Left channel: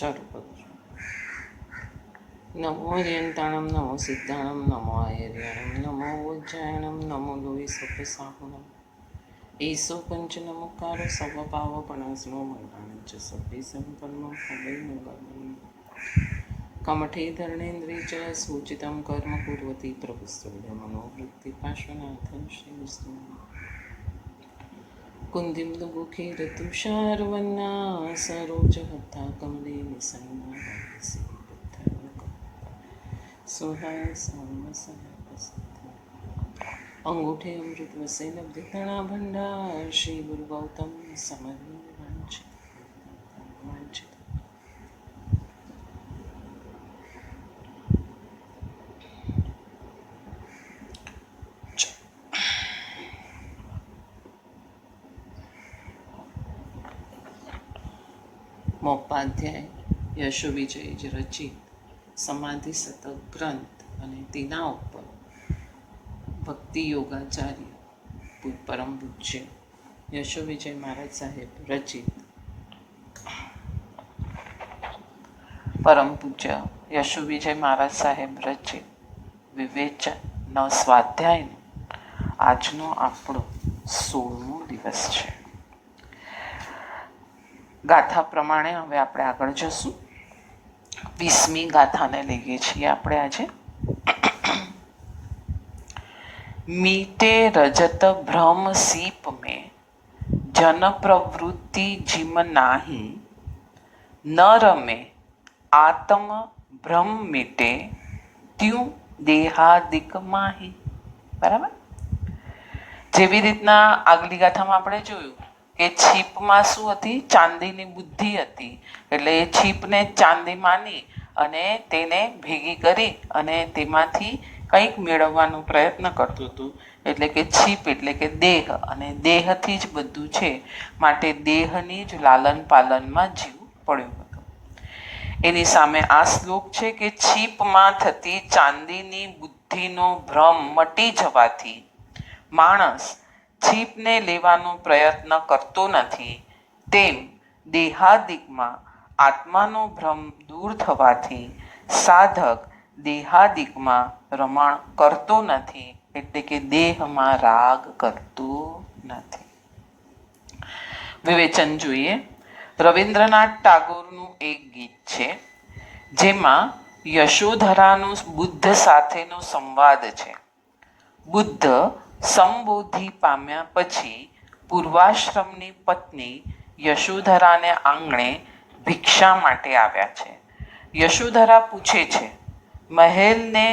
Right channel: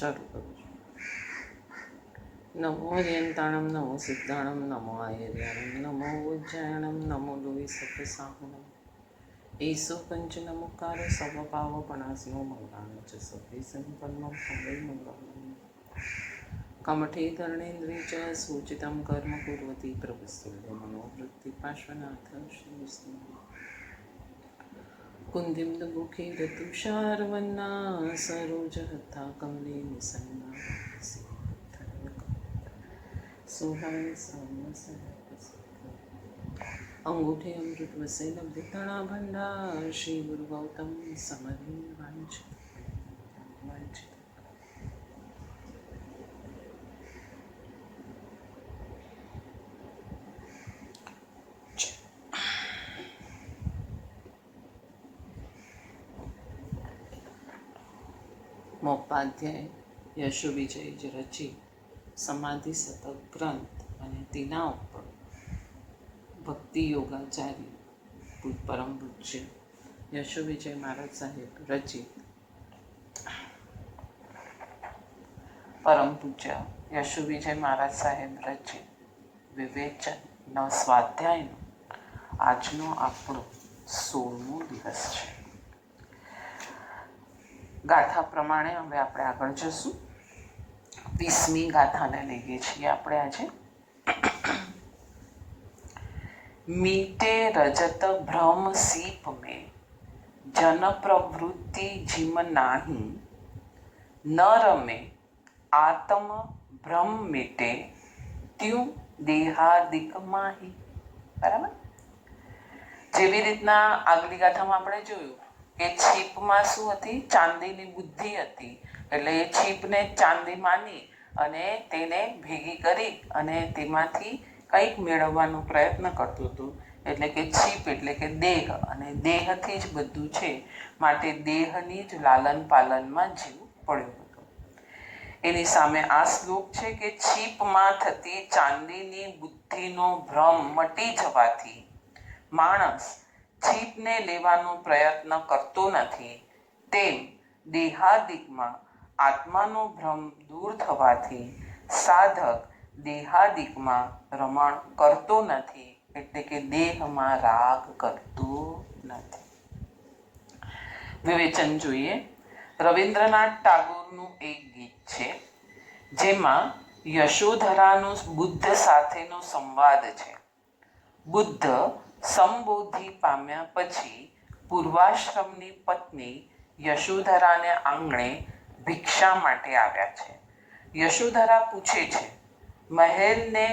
શરૂ કરું છું. નમો અર્યંતાણમ, નમો સિદ્ધાણમ, નમો આયર્યાણમ, નમો ઉજ્જાયણમ, નમો લોહી સપસાહુણમ. ઈસો પંચનમુકારો સર્વભાવપણાસ્મો મંગળાનંચ સભ્ય સંપન્નો હૃદય મંગલમ. કમઠે ધર્ણેન્દ્રિય ચ સૂચિતમ કર્મ કુર્વતી પ્રભુસ્તુલ્ય મનોવૃત્તિ પાર્શ્વનાથ શ્રી વિષ્ણુ. કુંદિમ દુગુખે તુષારવન્ના સરોજ હતા કમલે નિસન્ના સુહાય અંગૂઠે અમૃત વસે લબ્ધ તણા ભંડાર શ્રી ગુરુ ગૌતમ સમર્વે વાંછિત. મોપાધ્યાય યશોવિજય રચિત સમાધિ શતક ગ્રંથ અને તેના ઉપર ભક્તિ યોગાચાર્ય પરમ પૂજ્ય યશોવિજય મહારાજ સાહેબ રચિત પરમ પૂજ્ય યશોવિજય મહારાજ સાહેબ રચિત વિવેચન સ્વાધ્યાયનો આજનો આપણો 16મો દિવસ છે. ગાથા પ્રમાણે હવે આપણે આગળ જશું. 20મી ગાથાને લઈએ છીએ આપણે આજે. મીટે રજત ભ્રમ सीप में जन प्रवृत्ति जिम नाही न रमे आत्म भ्रम मीटे त्यों देहादिक माही. બરાબર. જેવી રીતના આગલી ગાથામાં આપણે જોયું કે છીપમાં શું હતી? ચાંદીની બુદ્ધિ હતી. એટલે એ છીપને ચાંદી માની અને તેને ભેગી કરી અને તેમાંથી કંઈક મેળવવાનો પ્રયત્ન કરતું હતું. એટલે કે છીપ એટલે કે દેહ, અને દેહથી જ બધું છે, માટે દેહની જ લાલન પાલનમાં જીવવું પડ્યું હતું. એની સામે આ શ્લોક છે કે છીપમાં થતી ચાંદીની બુદ્ધિનો ભ્રમ મટી જવાથી માણસ છીપને લેવાનો પ્રયત્ન કરતો નથી, તેમ દેહાદિકમાં આત્માનો ભ્રમ દૂર થવાથી સાધક દેહાદિકમાં રમણ કરતો નથી, એટલે કે દેહમાં રાગ કરતો નથી. વિવેચન જોઈએ. રવિન્દ્રનાથ ટાગોરનું એક ગીત છે જેમાં યશોધરાનું બુદ્ધ સાથેનો સંવાદ છે. બુદ્ધ સંબોધિ પામ્યા પછી પૂર્વાશ્રમની પત્ની યશોધરાને આંગણે ભિક્ષા માટે આવ્યા છે. યશોધરા પૂછે છે, મહેલને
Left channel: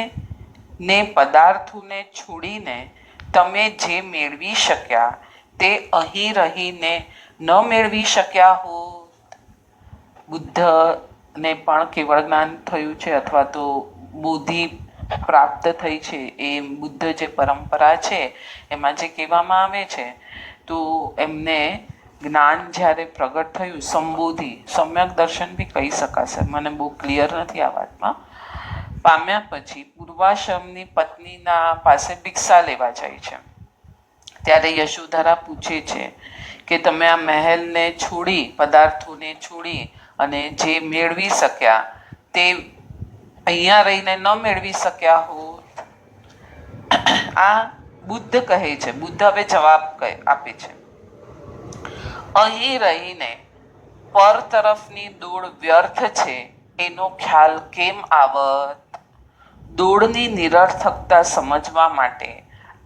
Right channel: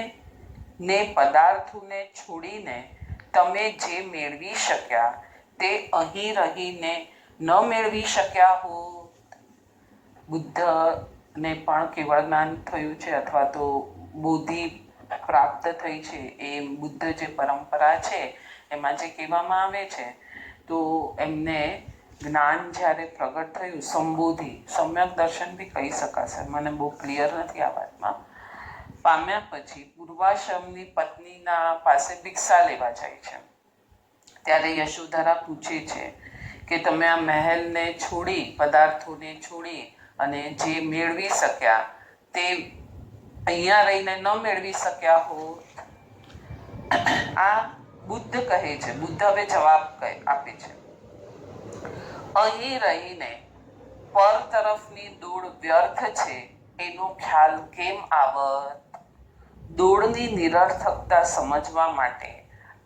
પદાર્થોને છોડીને તમે જે મેળવી શક્યા તે અહીં રહીને ન મેળવી શક્યા હોત? બુદ્ધને પણ કેવળ જ્ઞાન થયું છે અથવા તો બોધિ પ્રાપ્ત થઈ છે. એ બુદ્ધ જે પરંપરા છે એમાં જે કહેવામાં આવે છે, તો એમને જ્ઞાન જ્યારે પ્રગટ થયું, સંબોધિ, સમ્યક દર્શન બી કહી શકાશે, મને બહુ ક્લિયર નથી આ વાતમાં, પામ્યા પછી પૂર્વાશ્રમની પત્નીના પાસે ભિક્ષા લેવા જાય છે. ત્યારે યશોધરા પૂછે છે કે તમે આ મહેલને છોડી, પદાર્થોને છોડી અને જે મેળવી શક્યા તે અહીંયા રહીને ન મેળવી શક્યા હોત? આ બુદ્ધ કહે છે. બુદ્ધ હવે જવાબ આપે છે, અહીં રહીને પર તરફની દોડ વ્યર્થ છે એનો ખ્યાલ કેમ આવત? દોડની નિરર્થકતા સમજવા માટે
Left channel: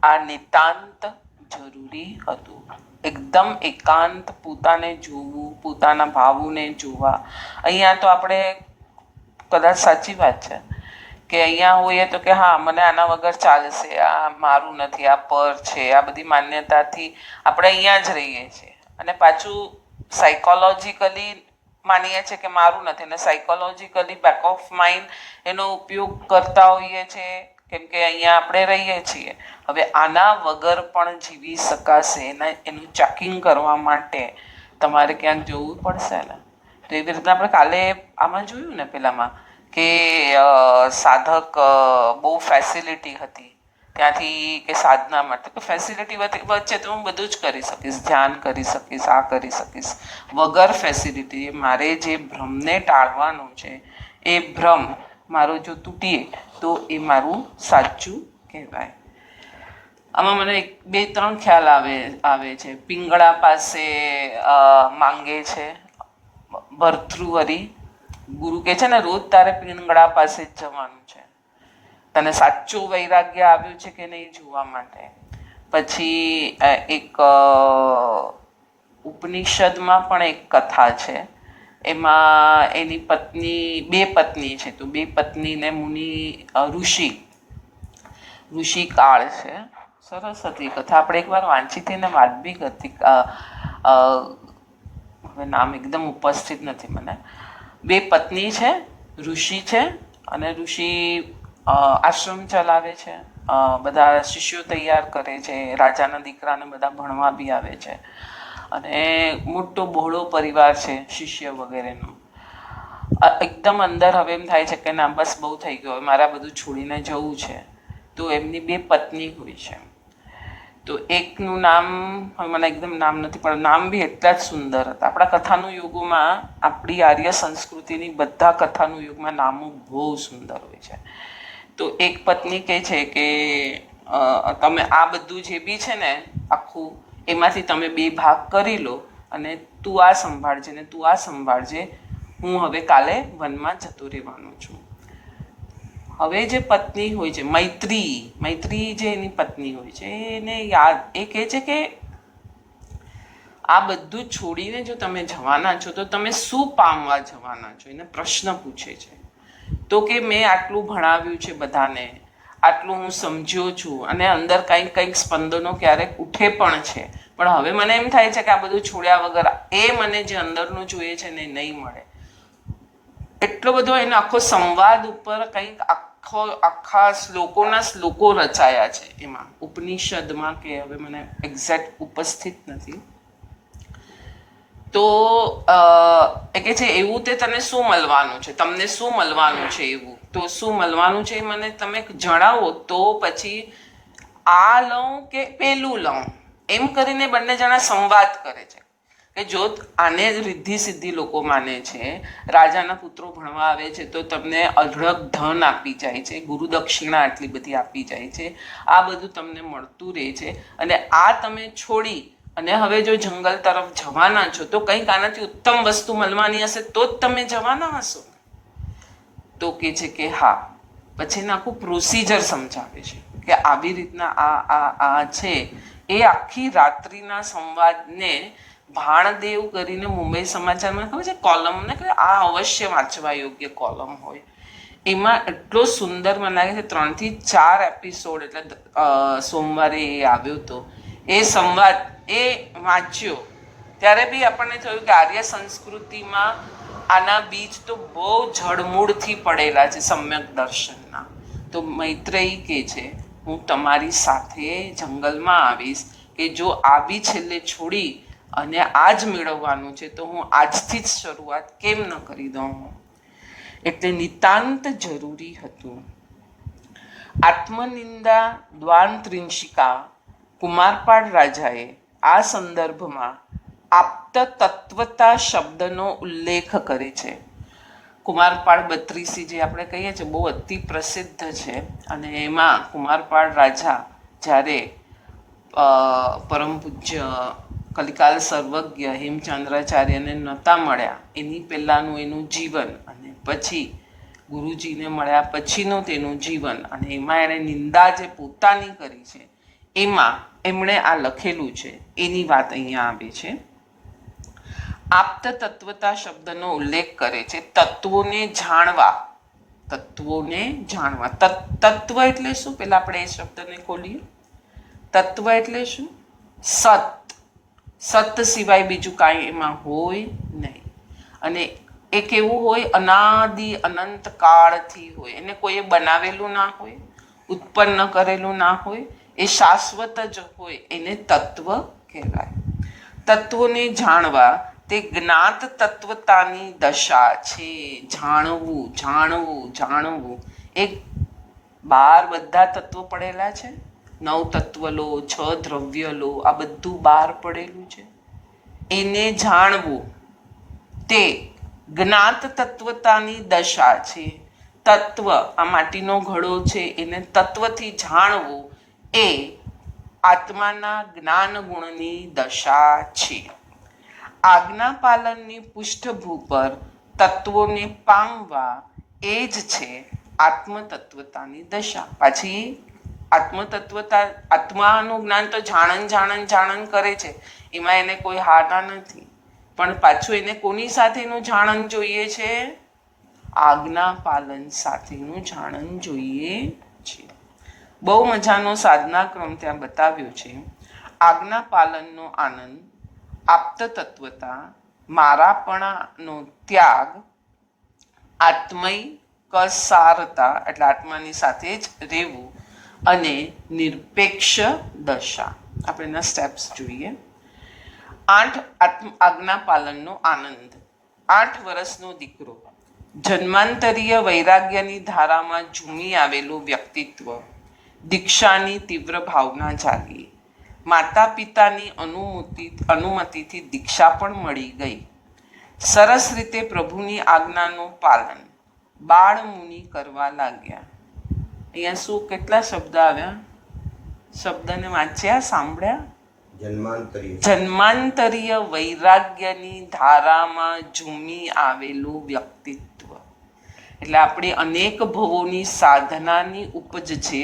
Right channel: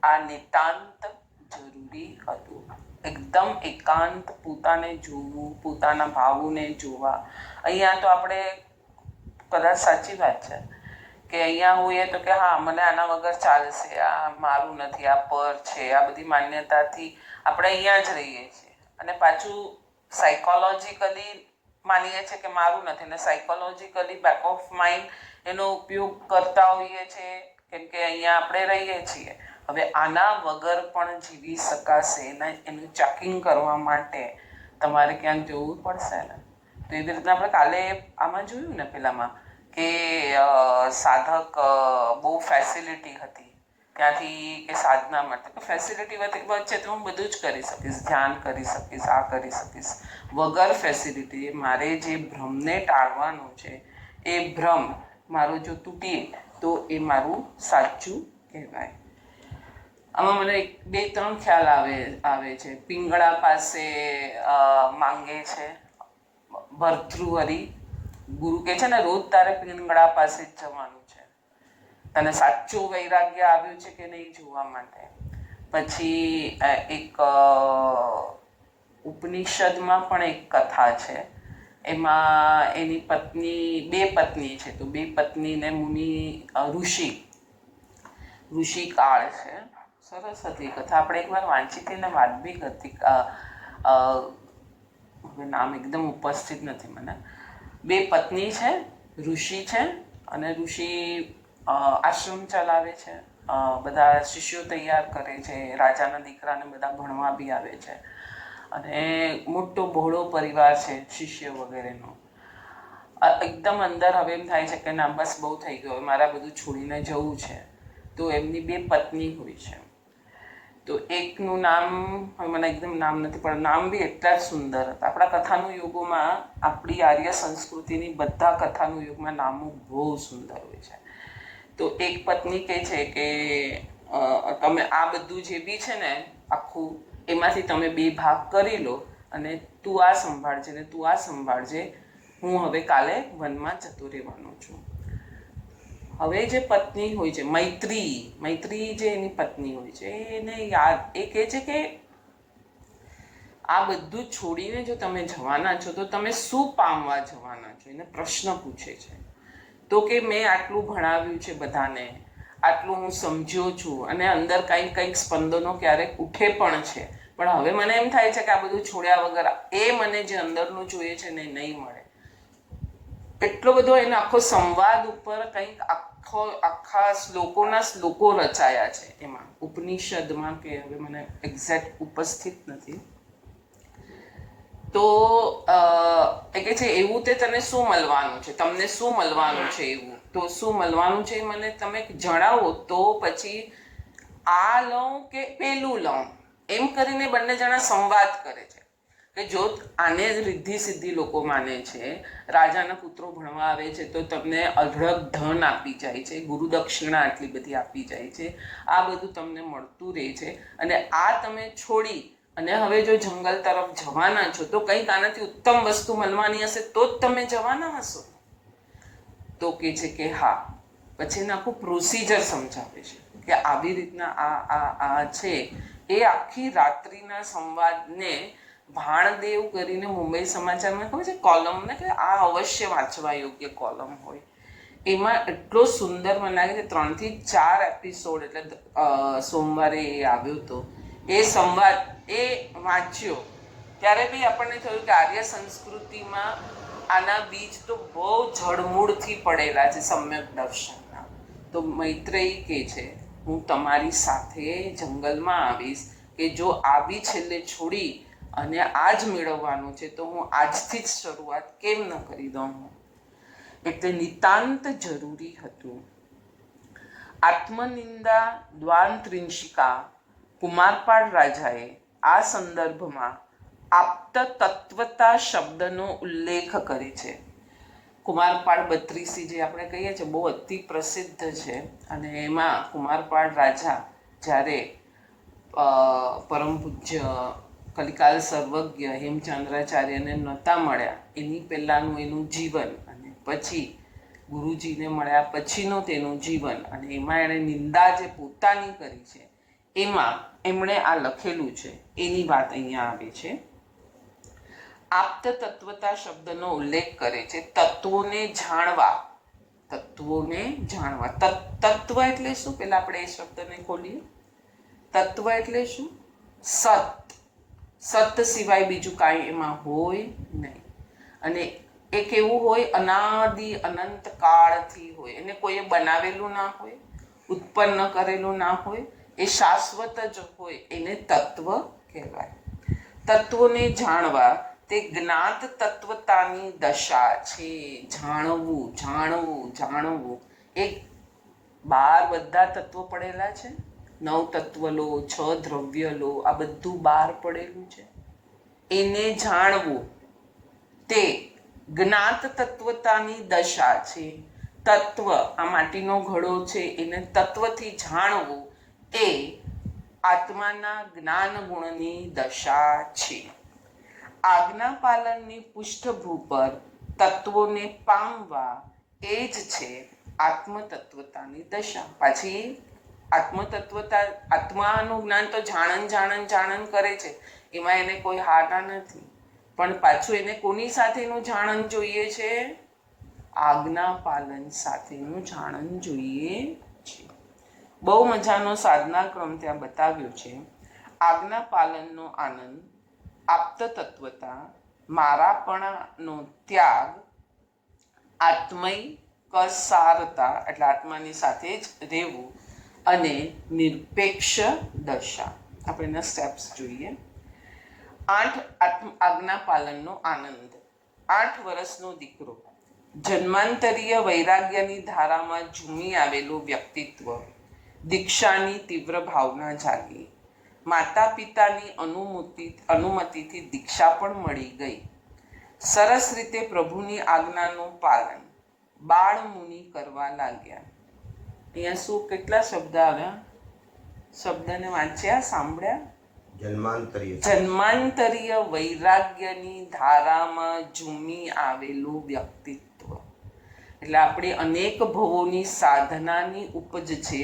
આ નિતાંત જરૂરી હતું. એકદમ એકાંત, પોતાને જોવું, પોતાના ભાવોને જોવા. અહીંયા તો આપણે કદાચ સાચી વાત છે કે અહીંયા હોઈએ તો કે હા મને આના વગર ચાલશે, આ મારું નથી, આ પર છે, આ બધી માન્યતાથી આપણે અહીંયા જ રહીએ છીએ. અને પાછું સાયકોલોજીકલી માનીએ છીએ કે મારું નથી, અને સાયકોલોજીકલી બેક ઓફ માઇન્ડ એનો ઉપયોગ કરતા હોઈએ છીએ કેમ કે અહીંયા આપણે રહીએ છીએ. હવે આના વગર પણ જીવી શકાશે, એનું ચેકિંગ કરવા માટે તમારે ક્યાંક જવું પડશે ને. તો એવી રીતના આપણે કાલે આમાં જોયું ને પેલામાં કે સાધક બહુ ફેસિલિટી હતી, ત્યાંથી કે સાધના માટે ફેસિલિટી વચ્ચે તો હું બધું જ કરી શકીશ, ધ્યાન કરી શકીશ, આ કરી શકીશ. વગર ફેસિલિટી મારે જે ભ્રમને ટાળવાનું છે એ ભ્રમ મારો જો તૂટીએ તો એ મારું સાચું કહેવાય. આમાં મને બે ત્રણ ખ્યાલ આવે છે. પિંગળા પાસે માંગે છે ભર્તૃહરિ, ગુરુ કહે છે ને રોજ તારે પિંગળા પાસે જ જવાનું છે, તને સાચું વૈરાગ્ય આવ્યું છે કે નહીં જોવા માટે. પછી એક ઉપનિષદમાં પણ એક કથા છે, એમાં એની પત્ની, બે પત્ની છે, તો બે પત્નીને મુનિ ઋષિ કાળ છે. સરસ હતી કથા, આપણે એકવાર વાંચી હતી ને વાત બી હતી. હવે નામ એકદમ ઉપસ્થિત નથી મને. બે પત્ની છે, ઋષિ છે, અને ઋષિ આશ્રમ ચલાવે છે, બધા શિષ્યો તૈયાર કરે છે, રાજાના દીકરાને બધા ભણવા બી આવે છે, અને મોટો બહોળો પરિવાર છે શિષ્ય વગેરેનો. એકદમ અંદર હવે એમ થાય છે કે ના બસ બહુ થઈ ગયો, મારે બધું છોડીને જવું છે. તો એમની બે પત્ની હોય છે. તો એકનું નામ હવે મને એકદમ નામ નથી, પણ નામ બી એટલા જ સુંદર હતા. આપણા કથાનું યુગોમાં, આપણી આર્ય સંસ્કૃતિની બધા કથાનું યુગમાં નામો બહુ સુંદર હોય છે. તો એક પત્ની કહે છે કે તમે આ બધું જે બી છે ને આખું, એમાંથી તમે બે ભાગ કરી લો અને તું આ સંભાળજે ને તું આ સંભાળજે, હું હવે કાલે વનમાં જતો રહેવાનું છું. હવે જે પત્ની હોય છે મૈત્રી જે એની પત્ની હોય છે, એને યાદ, એ કહે છે કે આ બધું છોડીને જો તમે જવાના છો તો તમે શું પામવા જવાના છો, એને પ્રશ્ન પૂછે છે. તો કે મેં આટલું ભણાવ્યું છે બધાને, આટલું હું સમજ્યો છું, અને અંદર કંઈક સ્પંદનો ક્યારેક ઉઠે પણ છે, પણ હવે મને એમ થાય છે કે આ બધું છોડ્યા વગર એ મને જે અંદરનું જોઈએ છે ને નહીં મળે. એટલો બધો એનો આખો સંવાદ ઉપર કંઈક આખા શ્લોકો રચાયા છે એમાં ઉપનિષદમાં, કે હવે મને એક્ઝેક્ટ ઉપસ્થિત નથી. તો એ કહે છે એવું તે તને શું મળવાનું છે, તમને શું મળવાનું છે, એવું તો શું મળવાનું છે એ મને તમે જણાવો, તો પછી આ લઉં કે પેલું લઉં, એમ કરીને બંને જણા સંવાદ કરે છે. કે જો આને રિદ્ધિ સિદ્ધિ લોકો માને છે, રાજાના પુત્રો ભણવા આવે છે તો તમને અઢળક ધન આપી જાય છે, ગુરુ દક્ષિણા આટલી બધી આપી જાય છે, આ બધું તમને મળતું રહે છે, અને આ તમે છોડી અને હવે જો જંગલ તરફ જવાના છો તો કંઈક આનાથી ઉત્તમ વસ્તુ મળવાની હશે તો જ તમે જવાના હશો. તો કે છે કે હા. પછી એને આખું પ્રોસિજર સમજાવે છે કે આવી રીતના આ છે. એ આખી રાત્રિના સંવાદને ભાણદેવ કરીને મુંબઈ સમાચારમાં ખબર છે કોલમ ને કે આ અવશ્ય વાંચવા યોગ્ય કોલમ હોય, એમાં એટલો સુંદર મને લાગે છે. 3 થી 4 એપિસોડ, એટલે સોમવારે એ આવ્યો હતો એ સંવાદ, એ વાંચ્યો ત્યારે બી આપણને થયું કે આર્ય સંસ્કૃતિમાં આના બીજ તો બહુ જડમૂળથી પડેલા છે સમ્યક દર્શનના. તો મૈત્રેયી કહે છે હું તમારી સાથે જંગલમાં આવીશ, કે જો આ બી છેલ્લે છોડી અને આ જ મેળવવાનું છે તો હું આજથી જ શરૂઆત કેમ ન કરી દઉં. એટલે નિતાંત જરૂરી હતું. આત્મનિંદા દ્વાંત્રિંશિકા કુમારપાળ રાજાએ આ સંદર્ભમાં આપ્ત તત્વતા શબ્દનો ઉલ્લેખ કરે છે. કુમારપાળ 32 જે આપણે કહીએ છીએ બહુ અતિ પ્રસિદ્ધ છે, અને એમાં કુમારપાળ રાજા જ્યારે પરમ પૂજ્ય કલિકાલ સર્વજ્ઞ હેમચંદ્રાચાર્યને નહોતા મળ્યા એની પહેલાંનું એનું જીવન, અને પછી ગુરુજીને મળ્યા પછીનું તેનું જીવન, અને એમાં એણે નિંદા જે પોતાની કરી છે એમાં એમણે આ લખેલું છે, એની વાત અહીંયા આવે છે. આપ્ત તત્વતા શબ્દનો ઉલ્લેખ કરે છે. તત્વોને જાણવા, તત્વ એટલે શું, પેલા આપણે એ શબ્દને ખોલીએ. તત્વ એટલે શું? સત સિવાય બીજું કાંઈ એમાં હોય નહીં, અને એ કેવું હોય, અનાદિ અનંત કાળથી હોય, એને કોઈએ બનાવેલું ના હોય, ઉત્પન્ન કરેલું ના હોય, એ શાશ્વત જ હોય, એને તત્વ કહેવાય. તત્વોને જાણવા તે જ્ઞાત તત્વતાની દશા છે. જાણવું, જાણવું, જાણવું, એ બાર બધા તત્વો પડેલા છે. 9 તત્વ લો, 6 દ્રવ્ય લો, આ બધું બહાર પડેલું છે. એને જાણવું તે જ્ઞાત તત્વતાની દશા છે. તત્વ, આ માટીનો ઘડો છે, એને તત્વથી જાણવું એ આત્માના જ્ઞાન ગુણની દશા છે. આજ્ઞા પાલનની પૃષ્ઠભૂ પર તત્વોને પામવા એ જ છે આત્મતત્વતાની દશા. પાછી આત્મતત્વતા, આત્માનું જ્ઞાન તો જાણન કરે છે, એમાં એને કોઈ હાના નથી. પણ પાછું એને કોની સાથેનું જાણન જોઈએ છે? આજ્ઞા પાલન સાથેનું જાણન જોઈએ છે. બહુ મજાનો સાધના ક્રમ ત્યાં બતાવ્યો છે. આજ્ઞા પાલનનો આનંદ, આપ્ત તત્વતા, મારાપણાનો ત્યાગ, આત્મય કસારતા એટલે આત્માની સાથે જ રહેવું, અને નિરપેક્ષ દશા. આપણે એના સ્ટેપ્સ જોઈએ. 8 આજ્ઞા પાલનનો આનંદ. 8 વર્ષનો દીકરો, જન્માંતરીય વૈરાગ્યની ધારામાં ઝૂમી આવેલું વ્યક્તિત્વ, દીક્ષાની તીવ્ર ભાવના જાગી, માતા પિતાની અનુમતિથી દીક્ષા પણ મળી ગઈ. સરસ રીતે પ્રભુની આજ્ઞાનું પાલન બાળ મુનિ કરવા લાગ્યા. અહીંયા શું, કેટલા શબ્દ આવ્યા? શબ્દને વાંચ્યા, સાંભળ્યા? જન્માંતરીય વૈરાગ્યની ધારામાં ઝૂમી આવેલું વ્યક્તિત્વ એટલે આપણી અનેક ભવોની સાધનાની ઉપજ છે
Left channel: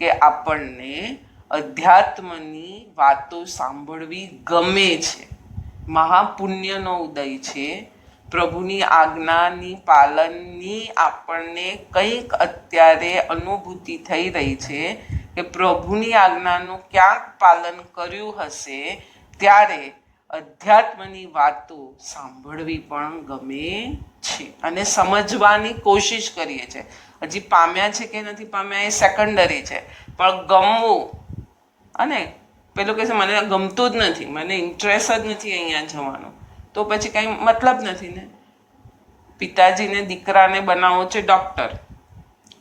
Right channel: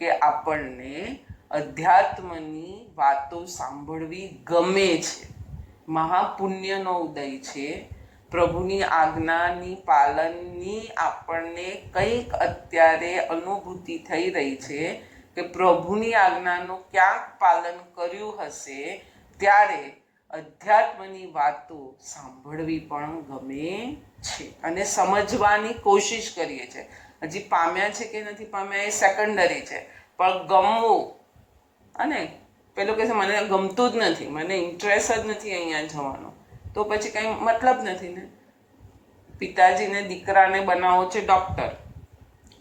કે આપણને અધ્યાત્મની વાતો સાંભળવી ગમે છે. મહાપુણ્યનો ઉદય છે. પ્રભુની આજ્ઞાની પાલનની આપણને કંઈક અત્યારે અનુભૂતિ થઈ રહી છે કે પ્રભુની આજ્ઞાનું ક્યાંક પાલન કર્યું હશે, ત્યારે અધ્યાત્મની વાતો સાંભળવી પણ ગમે છે અને સમજવાની કોશિશ કરીએ છીએ. હજી પામ્યા છે કે નથી પામ્યા એ સેકન્ડરી છે, પણ ગમવું, અને પેલું કહે છે મને ગમતું જ નથી, મને ઇન્ટરેસ્ટ જ નથી અહીંયા જવાનો, તો પછી કંઈ મતલબ નથી ને. પિતાજીને દીકરાને બનાવો છે ડૉક્ટર,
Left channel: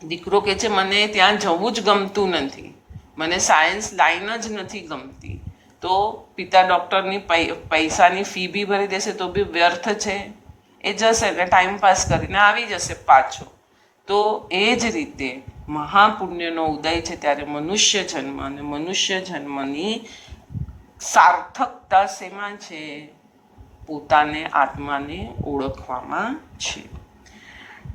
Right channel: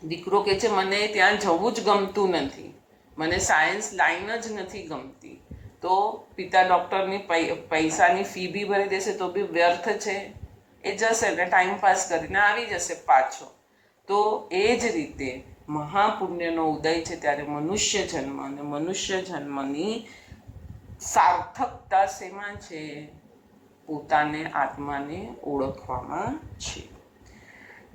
દીકરો કહે છે મને ત્યાં જવું જ ગમતું નથી, મને સાયન્સ લાઈન જ નથી ગમતી, તો પિતા ડૉક્ટરની પૈસાની ફી બી ભરી દેશે તો બી વ્યર્થ છે, એ જશે એટલે ટાઈમપાસ કરીને આવી જશે પાછો. તો એ જ રીતે મહાપુણ્યનો ઉદય છે ત્યારે મનુષ્ય જન્મ, અને મનુષ્ય જન્મની સાર્થકતા શેમાં છે? પોતાને આત્માને ઓળખવામાં છે.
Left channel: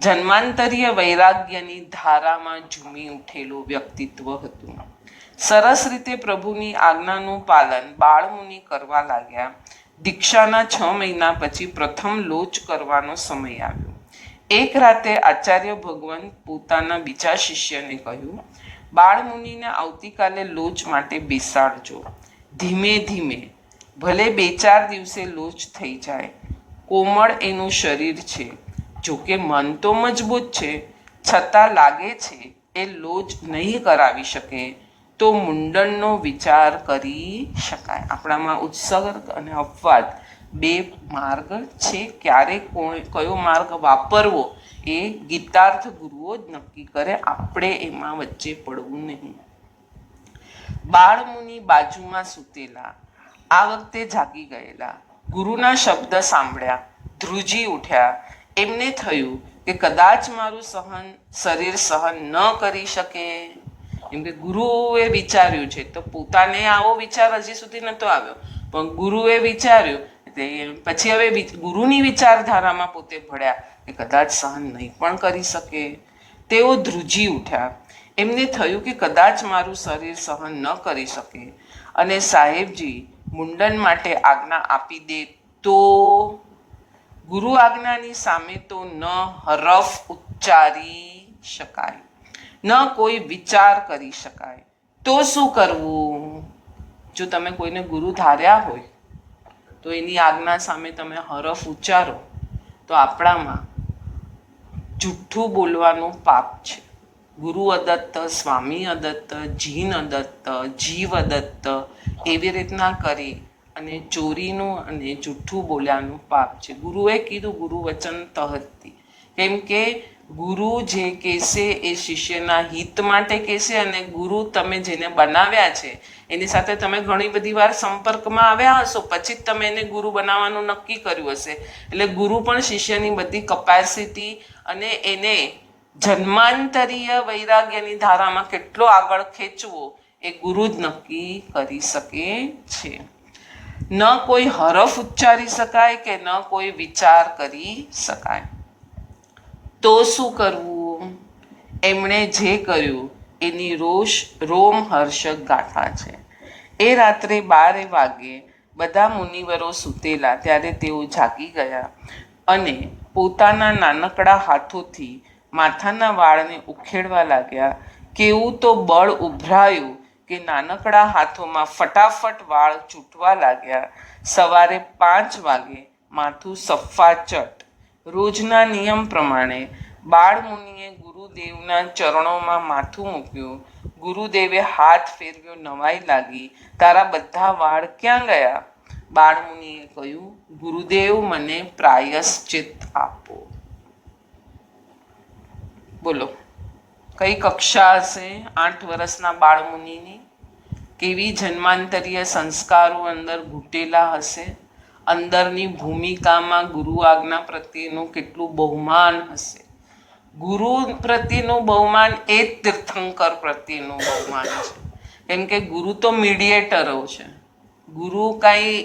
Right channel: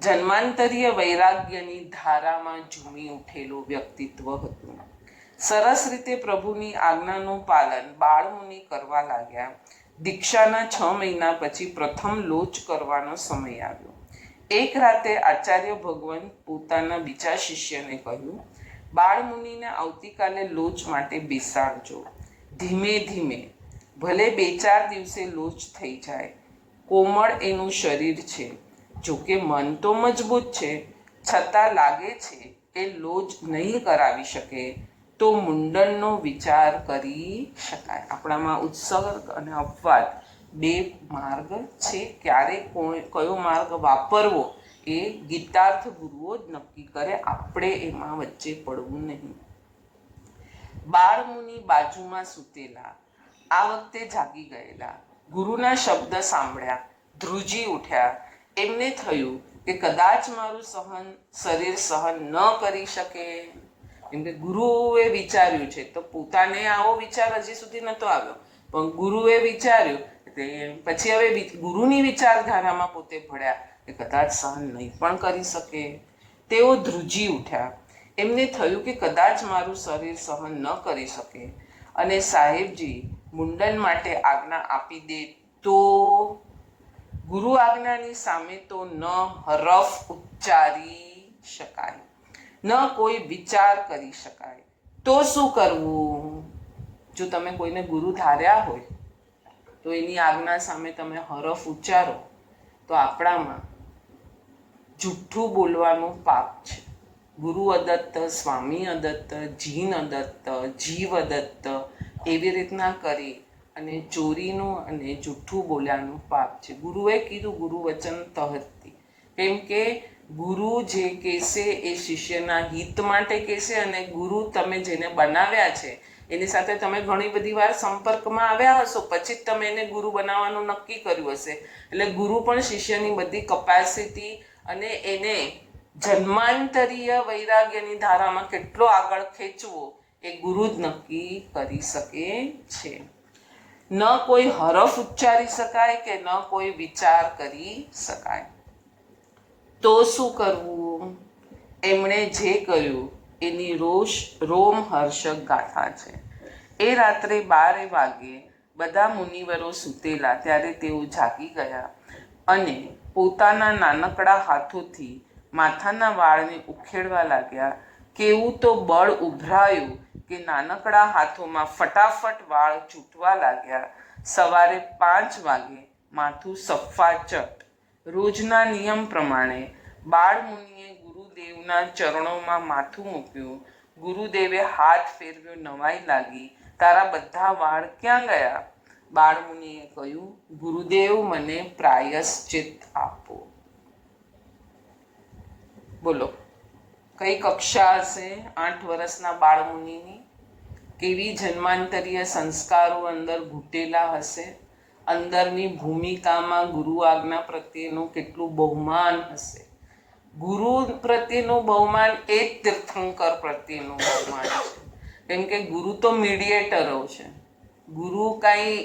જન્માંતરીય વૈરાગ્યની ધારામાં ઝૂમી ઉઠેલું વ્યક્તિત્વ હતું. સરસ રીતે પ્રભુની આજ્ઞાનું પાલન બાળમુનિ કરવા લાગ્યા. દીક્ષાના 6 મહિના પછી પ્રથમ લોચ કરવાનો સમય આવ્યો. એક રાતે આચાર્ય ભગવાન પોતાના બીજા શિષ્યને કહ્યું, બાળમુનિને આવતીકાલે લોચ માટે બેસાડજો. ધીમે ધીમે, ભલે 2-4 દિવસે લોચ થઈ જાય. કોમળ એનું શરીર છે, જોકે મન તો મજબૂત છે, છતાં લાગે છે એ લોચ નહીં કરાવી શકે તો મુંડનનો વિચાર કરી શકાય. આપણામાં ઉત્સર્ગ અને અપવાદ 2 માર્ગ છે. ક્યારે કયો માર્ગ વાપરવો એ ગીતાર્થ ગુરુઓ જ નક્કી કરે, આપણે એમાં વચ્ચે પડવું નહીં. બાળમુનિ બાજુમાં સૂતેલા, આ વખતે જાગી ગયેલા, ગુરુના શબ્દ સાંભળ્યા, ધ્રુજી ઉઠ્યા. એમને થયું કે કદાચ મારું શરીર સહન ન કરી શકે. એમ કે ગુરુએ વિચાર્યું છે, તો પોતાને આવો વિચાર હજી સુધી નહોતો આવ્યો, પણ ગુરુએ વિચાર્યું, પછી હવે ગુરુની વિચારધારામાં પોતે ભળ્યા કે કદાચ સહન નહીં પણ કરી શકે. તેઓ ધ્રુજી ઉઠ્યા. એમને થયું કે કદાચ મારું શરીર સહન ન કરી શકે અને સાહેબજી મુંડન માટે આજ્ઞા આપી દે તો? ગુરુ આજ્ઞાની સામે તો ન હરફ ઉચ્ચારી શકાય, ન કોઈ વિચાર કરી શકાય. તો શું કરવું? જો તમે કોઈને ગુરુ ધાર્યા હોય તો એની આજ્ઞા સામે તમે હરફ ઉચ્ચારો તો આપણામાં જુઠ્ઠું બોલવાનું પાપ છે. ગુરુ અદત્ત, સ્વામી અદત્ત, જીન અદત્ત, જીવ અદત્ત એવી રીતના કરી અને ચોરીનું અને જુઠ્ઠું બોલ્યાનું પાપ છે. ગુરુએ કીધું ગુરુ વચન તહતી, કેમ કે ગુરુ જે કહેશે એ શિષ્યના હિત માટે કહેશે, અને ગુરુ તમે જેને બનાવ્યા છે એની સાથે તમે ઘણી બધી વાર સંપર્કમાં આવ્યા હશો, પછી જ તમે એને ગુરુ બનાવવાનું નક્કી કર્યું હશે. એટલે ગુરુ પણ શિષ્યની બધી કપેસિટી અને એને જન્માંતરીય વૈરાગ્યની ધારામાં કેટલો આગળ ખેંચવો એ ગુરુ જ નક્કી કરી શકે છે. ન કોઈ હરફ ઉચ્ચારી શકાય કે ન કોઈ વિચાર કરી શકાય. તો શું કરવું? એમણે જે કર્યું એની રોમહર્ષક ગાથા છે. એ રાત્રે 12 વાગે બધા મુનિવરો સૂતેલા ત્યારે તેઓ જાગી ગયા અને પોતાના નાનકડા હાથોથી માથાના વાળને ઉખેડવા લાગ્યા. કેવું તો બળ ઉભરાયું કે નાનકડા હાથોમાં ફટાફટ વાળ ચૂંટવા લાગ્યા. સવારે 5 વાગે માથું સફાચટ. રોજના નિયમ પ્રમાણે બાળમુનિએ ગુરુદેવના ચરણોમાં માથું મૂક્યું. ગુરુદેવે હાથ ફેરવ્યો, નવાઈ લાગી. તારા બધા વાળ ક્યાં ગયા? બાળમુનિએ કહ્યું, ગુરુદેવ મને પ્રાયશ્ચિત આપો. બોલો, કઈ કક્ષા હશે 8 વર્ષના બાળમુનિની? કેવી જન્માંતરીય સંસ્કારો અંદર ઘૂંટેલા હશે? અંદરની ભૂમિકામાં ગુરુ આજ્ઞા પ્રત્યેનું કેટલું બહુમાન હશે? ગુરુ પ્રત્યેનું બહુમાન એ જ તીર્થંકર પ્રત્યેનું બહુમાન છે. કેમ કે ગુરુ તો મીડિયેટરો છે. ગુરુ કાંઈ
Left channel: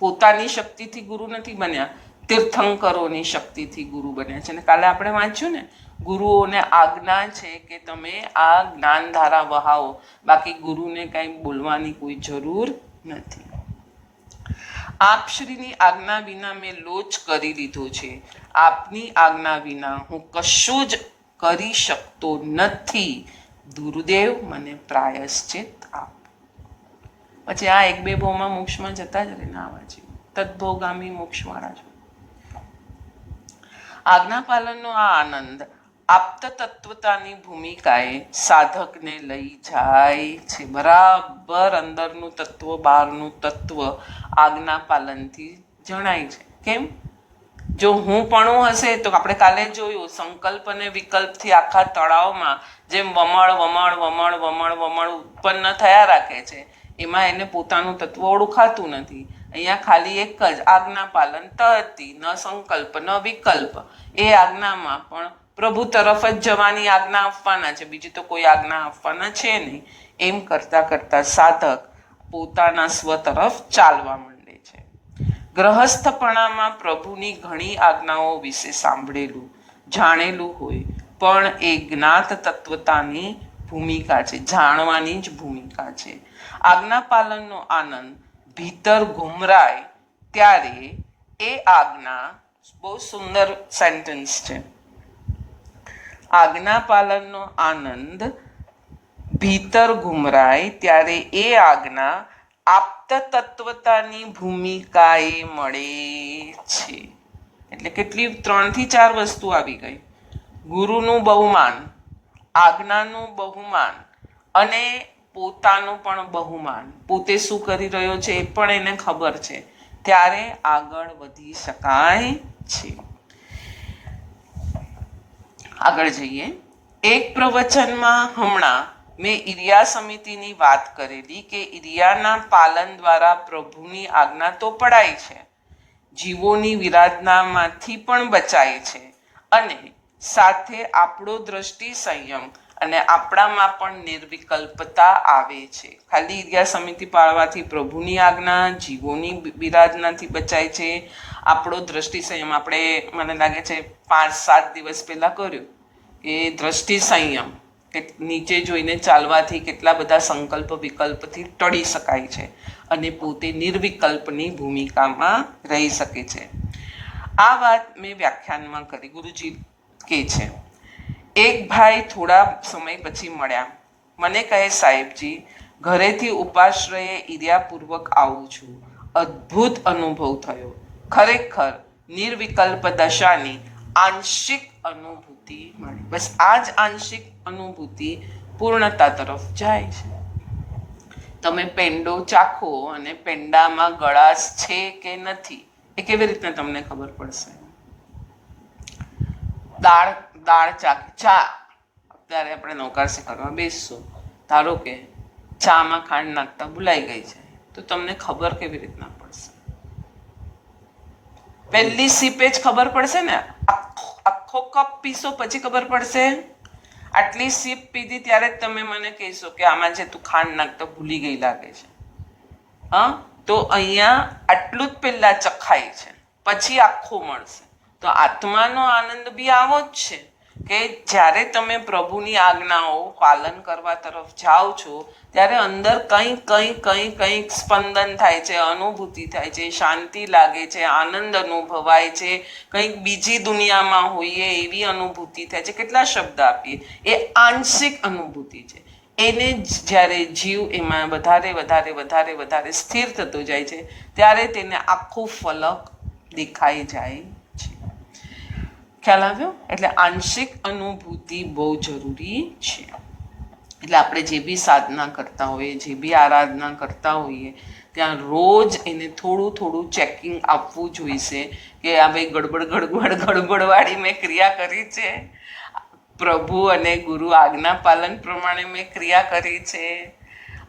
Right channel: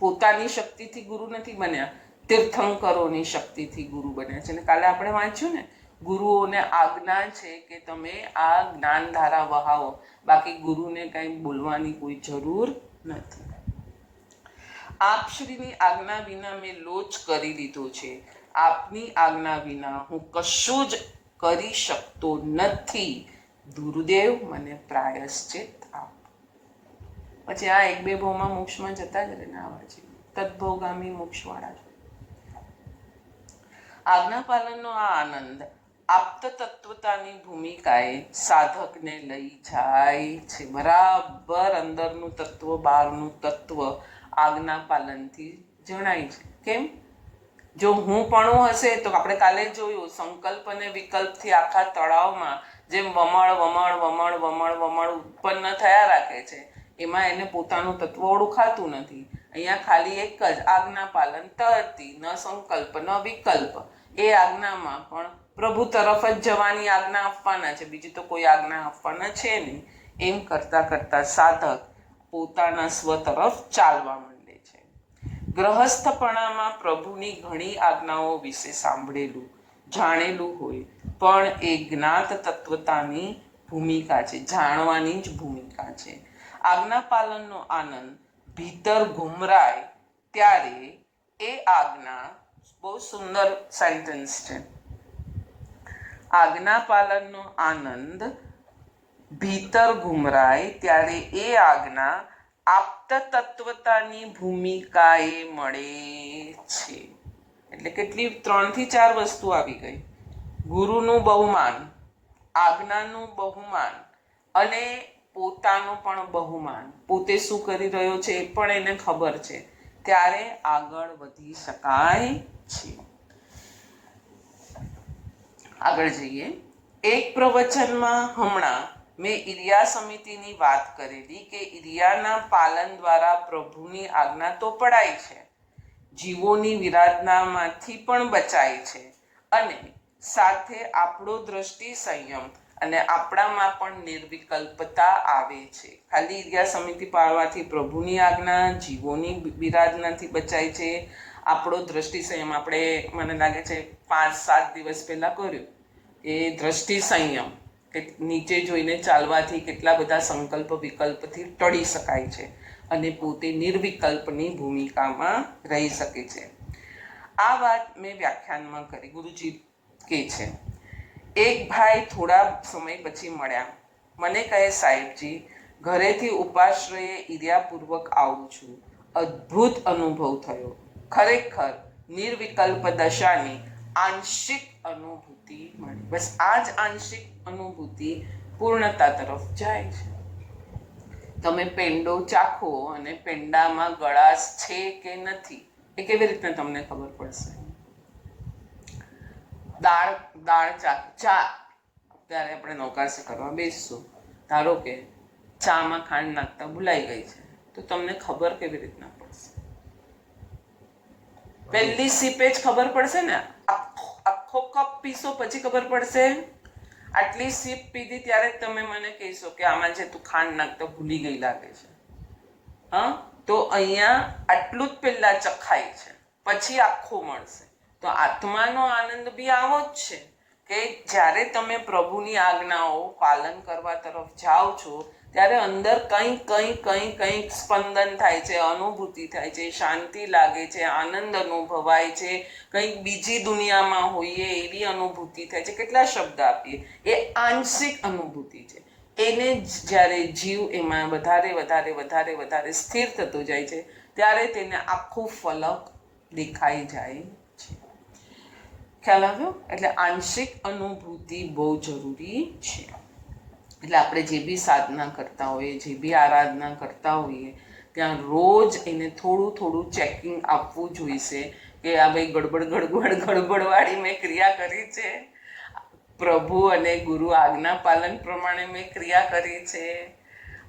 પોતાની શક્તિથી ગુરુ નથી બન્યા, તીર્થંકરોની શક્તિથી ગુરુ બન્યા છે. અને કાલે આપણે વાંચ્યું ને, ગુરુઓને આજ્ઞા છે કે તમે આ જ્ઞાનધારા વહાવો, બાકી ગુરુને કાંઈ બોલવાની કોઈ જરૂર નથી. આપશ્રીની આજ્ઞા વિના મેં લોચ કરી લીધો છે. આપની આજ્ઞા વિના હું કશું જ કરી શકતો નથી. ગુરુદેવ મને પ્રાયશ્ચિત આપ. પછી આ 1-2 ભાવમાં મોક્ષમાં જતા જ રહે ને આવા જેવું તદ્ભોગામી મોક્ષવાળા છો. આજ્ઞા પાલનનો આ આનંદ આપ્ત તત્વતાની ભૂમિકાએ સાધકને લઈ જાય છે. બરાબર અંદરનું તત્વ બહારનું તત્વ આજ્ઞા પાલનથી જણાય છે. કેમ? જો હું પણ હશે તો આપણે કાલે જોયું, સંકલ્પ અને વિકલ્પથી આખા તળાવમાં જેમ વમળ વમળ વમળ વમળ વમળ ઉત્પન્ન થયા રાખે છે, એમાં એને પોતાનું તત્વ ઓળખાતું નથી. અહીંયા ખાલી એક જ આજ્ઞા પાલન તહતી, ન સંકલ્પ ન વિકલ્પ. એ આજ્ઞામાં પણ પ્રભુ તરફ જ જવાની આજ્ઞા આપવાના છે, બીજી તો કોઈ આજ્ઞા આપવાના છે નહીં. એમ કરતા કરતા સાધક પોતાના સ્વ તરફ ચાલવા માંડે છે. ગ્રહસ્થપણામાં પ્રભુની ઘણી આજ્ઞાઓ વિશે સાંભળેલું જાણેલું હોય, પણ એ જ્ઞાત તત્વતાની ભૂમિકા છે, જાણવાની જ ભૂમિકા છે. આજ્ઞા પાલનનો આનંદ ભીતર ઘુમરાય ત્યારે એ આજ્ઞા, બહુ સુંદર સેન્ટેન્સ છે, આજ્ઞા પાલનનો આનંદ ભીતર ઘુમરાય ત્યારે એ આજ્ઞા આપ્ત તત્વતાની ભૂમિકાએ મળે છે. એટલે કેટલી 3 થી 4 વસ્તુ આવી ગઈ. ગુરુનું બહુમાન, આજ્ઞાનું બહુમાન અને પોતાનું પણ બહુમાન. પોતે શું કરી રહ્યો છે એ પણ એને ખબર છે, ત્યારે આગળ વધી શકાય છે. આગળ જઈએ. એક પ્રવચનમાં હમણાં મેં ઇરિયા સમિતિની વાત કરેલી કે ઇરિયાના પાલન દ્વારા પ્રભુની આજ્ઞા તો પડાય છે, જીવોની વિરાધનામાંથી પણ બચાય છે, અને સાથે આપણો દ્રષ્ટિ સંયમ અને આપણામાં પણ નિર્વિકલ્પતા આવે છે. ખાલી ઇરિયા સમિતિ પાળવાથી પ્રભુની આજ્ઞા, જીવોની વિરાધનાથી બચાય છે, આપણો દ્રષ્ટિ સંયમ. આપણે મને લાગે છે 5-7 દિવસ પહેલાં કર્યો કે દ્રષ્ટિ સંયમ, કે નીચે જોઈને ચાલવાથી કેટલા બધા સંકલ્પ વિકલ્પથી ટળી શકાય છે અને પોતે નિર્વિકલ્પની ભૂમિકામાં રહી શકે છે. આ વાત મેં વ્યાખ્યાનમાં કરી. ગુરુજી કહે છે, એક ભાઈ થોડા સમય પછી મળ્યા. મને કહે, સાહેબજી, ઘરેથી ઉપાશ્રયે ઇર્યાપૂર્વક આવું છું. અદ્ભુત અનુભવ થયો. ખરેખર નિર્વિકલ્પ દશાની આંશિક અનુભૂતિ મળી. બસ આ જ આંશિક અનુભૂતિ પૂર્ણતા તરફ જાય છે. તમે પેંડો ચાખો અને પેંડામાં ગળાશ છે કે નથી એ કેવી રીતે તમને ખબર પડશે? દાળ ચા અત્યારે આપણે નવકારસી કરવા બેસશું, ધારો કે ચામાં ખાંડ નાખતા ભૂલાઈ ગઈ છે, તો તમને ખબર કેવી રીતના પડશે? પહેલી સીપે જ ખબર પડશે ને? આખો કપ પીશો પછી ખબર પડશે? આટલી સીપ પીધી ત્યારે જ તમે મને કહેશો કે આમાં જે તું ખાંડ નાખતા ભૂલી ગઈ લાગે છે. હા, તો અહીંયા આટલું જ પહેલા ચખાય છે, પછી આખું મળશે. તો આત્માનો આનંદ બી આવો જ છે કે જ્યારે તમે પ્રભુની આજ્ઞાઓ પાલન કરવા તરફ જાઓ છો ત્યારે અંદર કંઈક સ્પંદન થાય છે, અનુભૂતિ થાય છે, શાંતિ લાગે છે, આનંદ અનુભવાય છે, કંઈક બીજી દુનિયામાં હોઈએ એવી અનુભૂતિ થાય છે. કેટલા શબ્દ આપીએ, એ આંશિક અનુભૂતિ છે. એને જ્યારે જીવ એમાં વધારે સ્થિર થતો જાય છે ત્યારે તેને આખું ફલક દેખાઈ જાય છે. ખ્યાલ આવ્યો? એટલે આંશિક અનુભૂતિ બહુ જરૂરી છે. એટલે આપણે જે બી સાધના કરતા હોઈએ, જે બી આરાધના કરતા હોઈએ, ત્યાં રોજ એને થોડું ચેકિંગ આપવું જોઈશે કે આ ભાઈ ગડબડવાળી મેં ક્રિયા કરી છે, પ્રભુ અને ગુરુ આજ્ઞા પાલન પ્રમાણે મેં ક્રિયા કરી છે,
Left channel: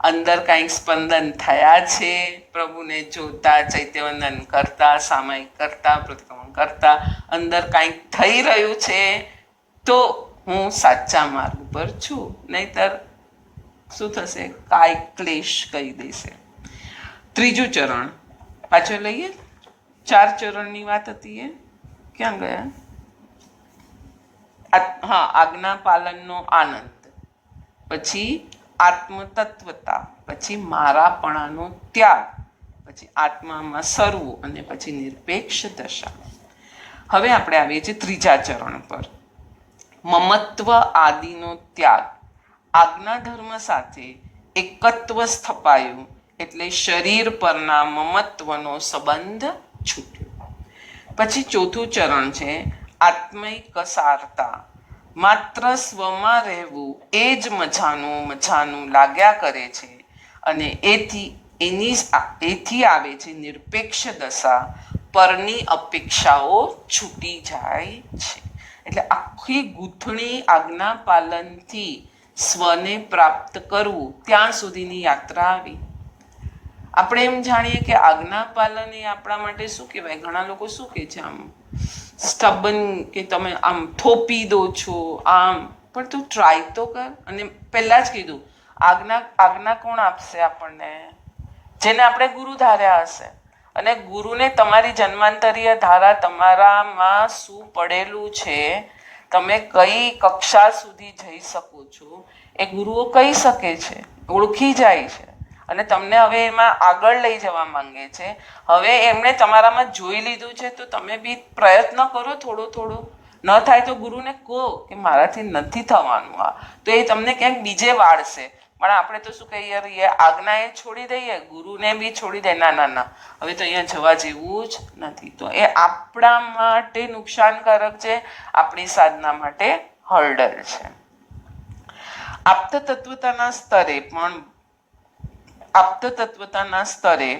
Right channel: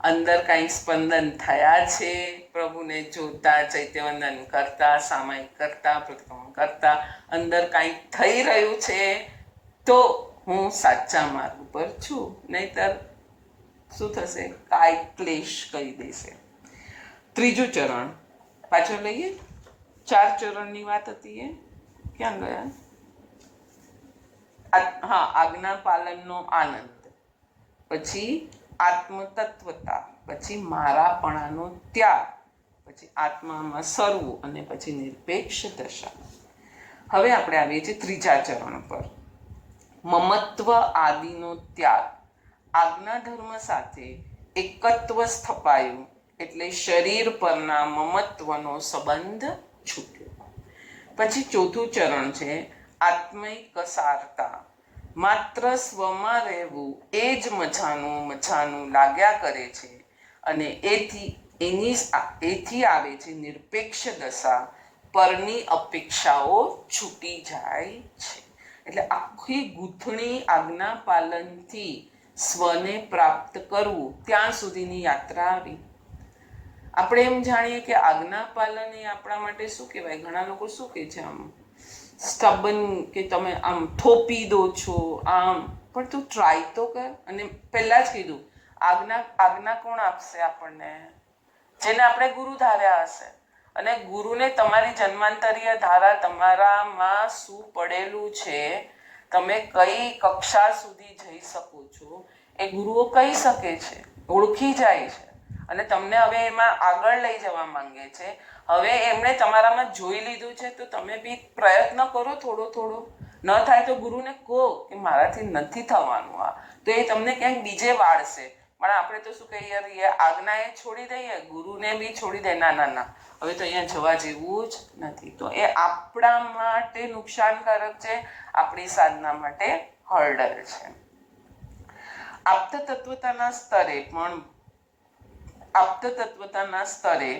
અંદર કાંઈક સ્પંદન થયા છે, પ્રભુને જોતા, ચૈત્યવંદન કરતા, સામાયિક કરતા, પ્રતિક્રમણ કરતા અંદર કાંઈક થઈ રહ્યું છે, તો હું સાચા માર્ગ પર છું. નહીતર શું થશે? કાંઈક ક્લેશ કહી દેશે. ત્રીજું ચરણ પાછળ લઈએ. 4 ચરણની વાત હતી, એ ક્યાં ગયા? હા, આજ્ઞા પાલનનો આનંદ, પછી આત્મતત્વતા, પછી મારાપણાનો ત્યાગ, પછી આત્મામાં સરવું અને પછી નિરપેક્ષ દશા. હવે આપણે આવીએ છીએ ત્રીજા ચરણ પર, મમત્વ આદિનો ત્યાગ. આજ્ઞા ધર્મ સાથે એકત્વ સ્થપાયું એટલે શરીર પરના મમત્વનો સંબંધ છૂટ્યો. પછી ચોથું ચરણ છે આત્મૈક કસારતા. માત્ર સ્વમાં રહેવું એ જ મજાનું લાગ્યા કરે છે અને એથી આવે છે નિરપેક્ષ દશા. પરની અપેક્ષાઓ છૂટી જાય છે. એટલે આખી ગૂંથણી આજ્ઞા પાલનથી સ્વને પ્રાપ્ત કરવું ત્યાં સુધીની યાત્રા આવી. આપણે એમ જાણીએ કે આજ્ઞા પાલન એ આપણા માટે શું કહેવાય? ઘણા લોકો શું કહે છે, આમ સ્ટબન, કે તમે આમ થોપી દો છો આમ, પણ તું ટ્રાય તો કર. અને પહેલાં જ કીધું, આજ્ઞા કોણ આપશે આપણને? જેને આપણે ગુરુ ધાર્યા હશે. અને ગુરુને તમારી જન્માંતરીય ધારા, તમારામાં શું પડેલું છે, તમે કઈ કક્ષા સુધી જઈ શકો છો, એ ગુરુઓ કહી શકે છે, ઓળખી જાય છે અને તમને હવે એમાં આગળ લઈ જવા માંગે છે. હવે એમણે તમારામાં જોઈ લીધું છે, તો તમે બી પ્રયત્ન કરો થોડો. ન થાય તો ગુરુને કહો કે મારાથી નથી થવાનું આ, તો એ તમને ક્યાંક બીજે વાળશે. પણ આપણે તો શું કહીએ, આજ્ઞા એ છોડી દઈએ, ગુરુને બી છોડી દે, ના, હવે તો અહીંયા જવા જેવું જ નથી. તો એ આપણા માટે નુકસાનકારક છે, આપણી સાધના માટે હર્ડલ છે. આપ્તતત્વતાના સ્તરે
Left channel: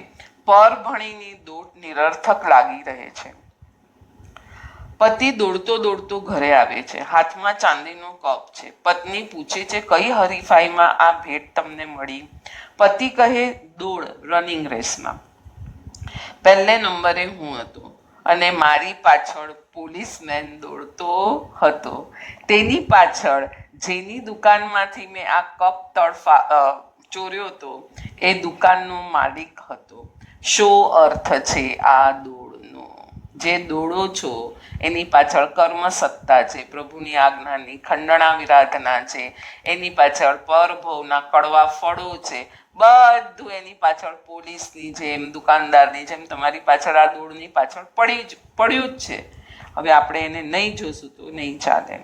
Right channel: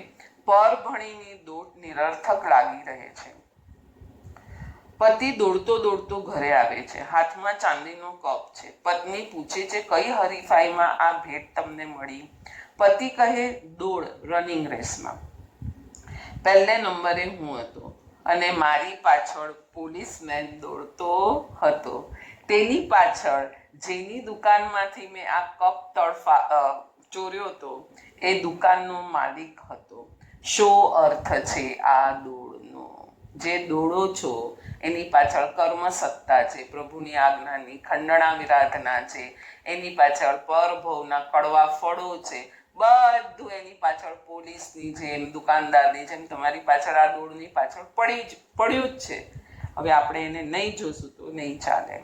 પરભણીની દોટ નિરર્થક લાગી રહે છે. પતિ દોડતો ઘરે આવે છે, હાથમાં ચાંદીનો કપ છે. પત્ની પૂછે છે, કઈ હરીફાઈમાં આ ભેટ તમને મળી? પતિ કહે, દોડ, રનિંગ રેસમાં. પહેલે નંબરે હું હતો અને મારી પાછળ પોલીસમેન દોડતો હતો. તેની પાછળ જેની દુકાનમાંથી મેં આ કપ ચોર્યો હતો એ દુકાનનો માલિક હતો. શો અર્થ છે આ દોડનો? જે દોડો છો એની પાછળ કર્મસત્તા છે, પ્રભુની આજ્ઞાની ખંડણા વિરાધના છે, એની પાછળ પરભવના કડવા ફળો છે. બધું એની પાછળ પોલીસની જેમ, દુકાનદારની જેમ તમારી પાછળ આ દોડની પાછળ પડ્યું જ છે. હવે આપણે એને નહીં જોશું તો નહીં ચાલે.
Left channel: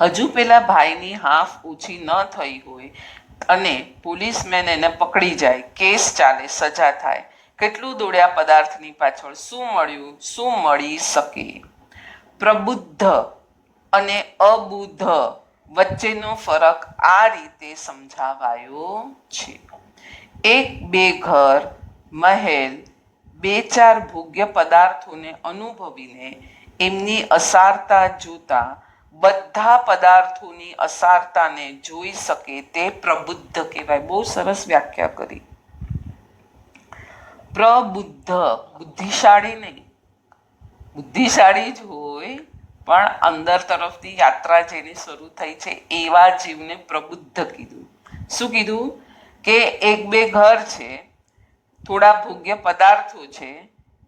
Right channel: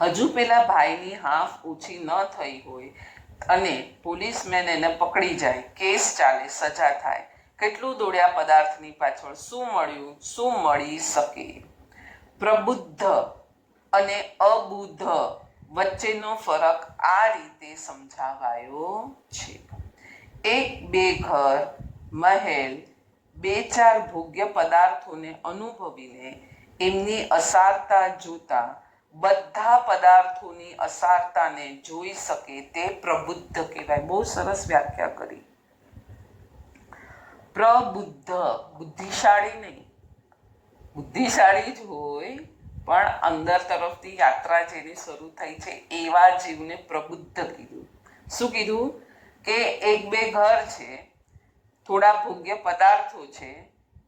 હજુ પેલા ભાઈની હાફ ઓછી ન થઈ હોય અને પોલીસમેન એને પકડી જાય, કેસ ચાલે, સજા થાય. કેટલું દોડ્યા પદાર્થની પાછળ, શું મળ્યું, શું મળી શકે? પ્રબુદ્ધ અને અબુદ્ધ વચ્ચેનો ફરક આ રીતે સમજાવાયો છે. 1-2 ઘર, મહેલ, 2-4 ભોગ્ય પદાર્થોને અનુભવીને એમની અસારતા જોતા બધા પદાર્થોની અસારતાને જોઈ શકે તે પ્રબુદ્ધ કહેવાય. બહુ સરસ વ્યાખ્યા કરી. પ્રબુદ્ધ, બુદ્ધિશાળી નહીં, બુદ્ધિશાળી જ હોય પણ અંદર તરફથી યાત્રા જેની શરૂ થઈ છે એવા જીવને પ્રબુદ્ધ કીધું. શું કીધું? કે એક બે ઘર છે, થોડા ભોગ્ય પદાર્થો છે,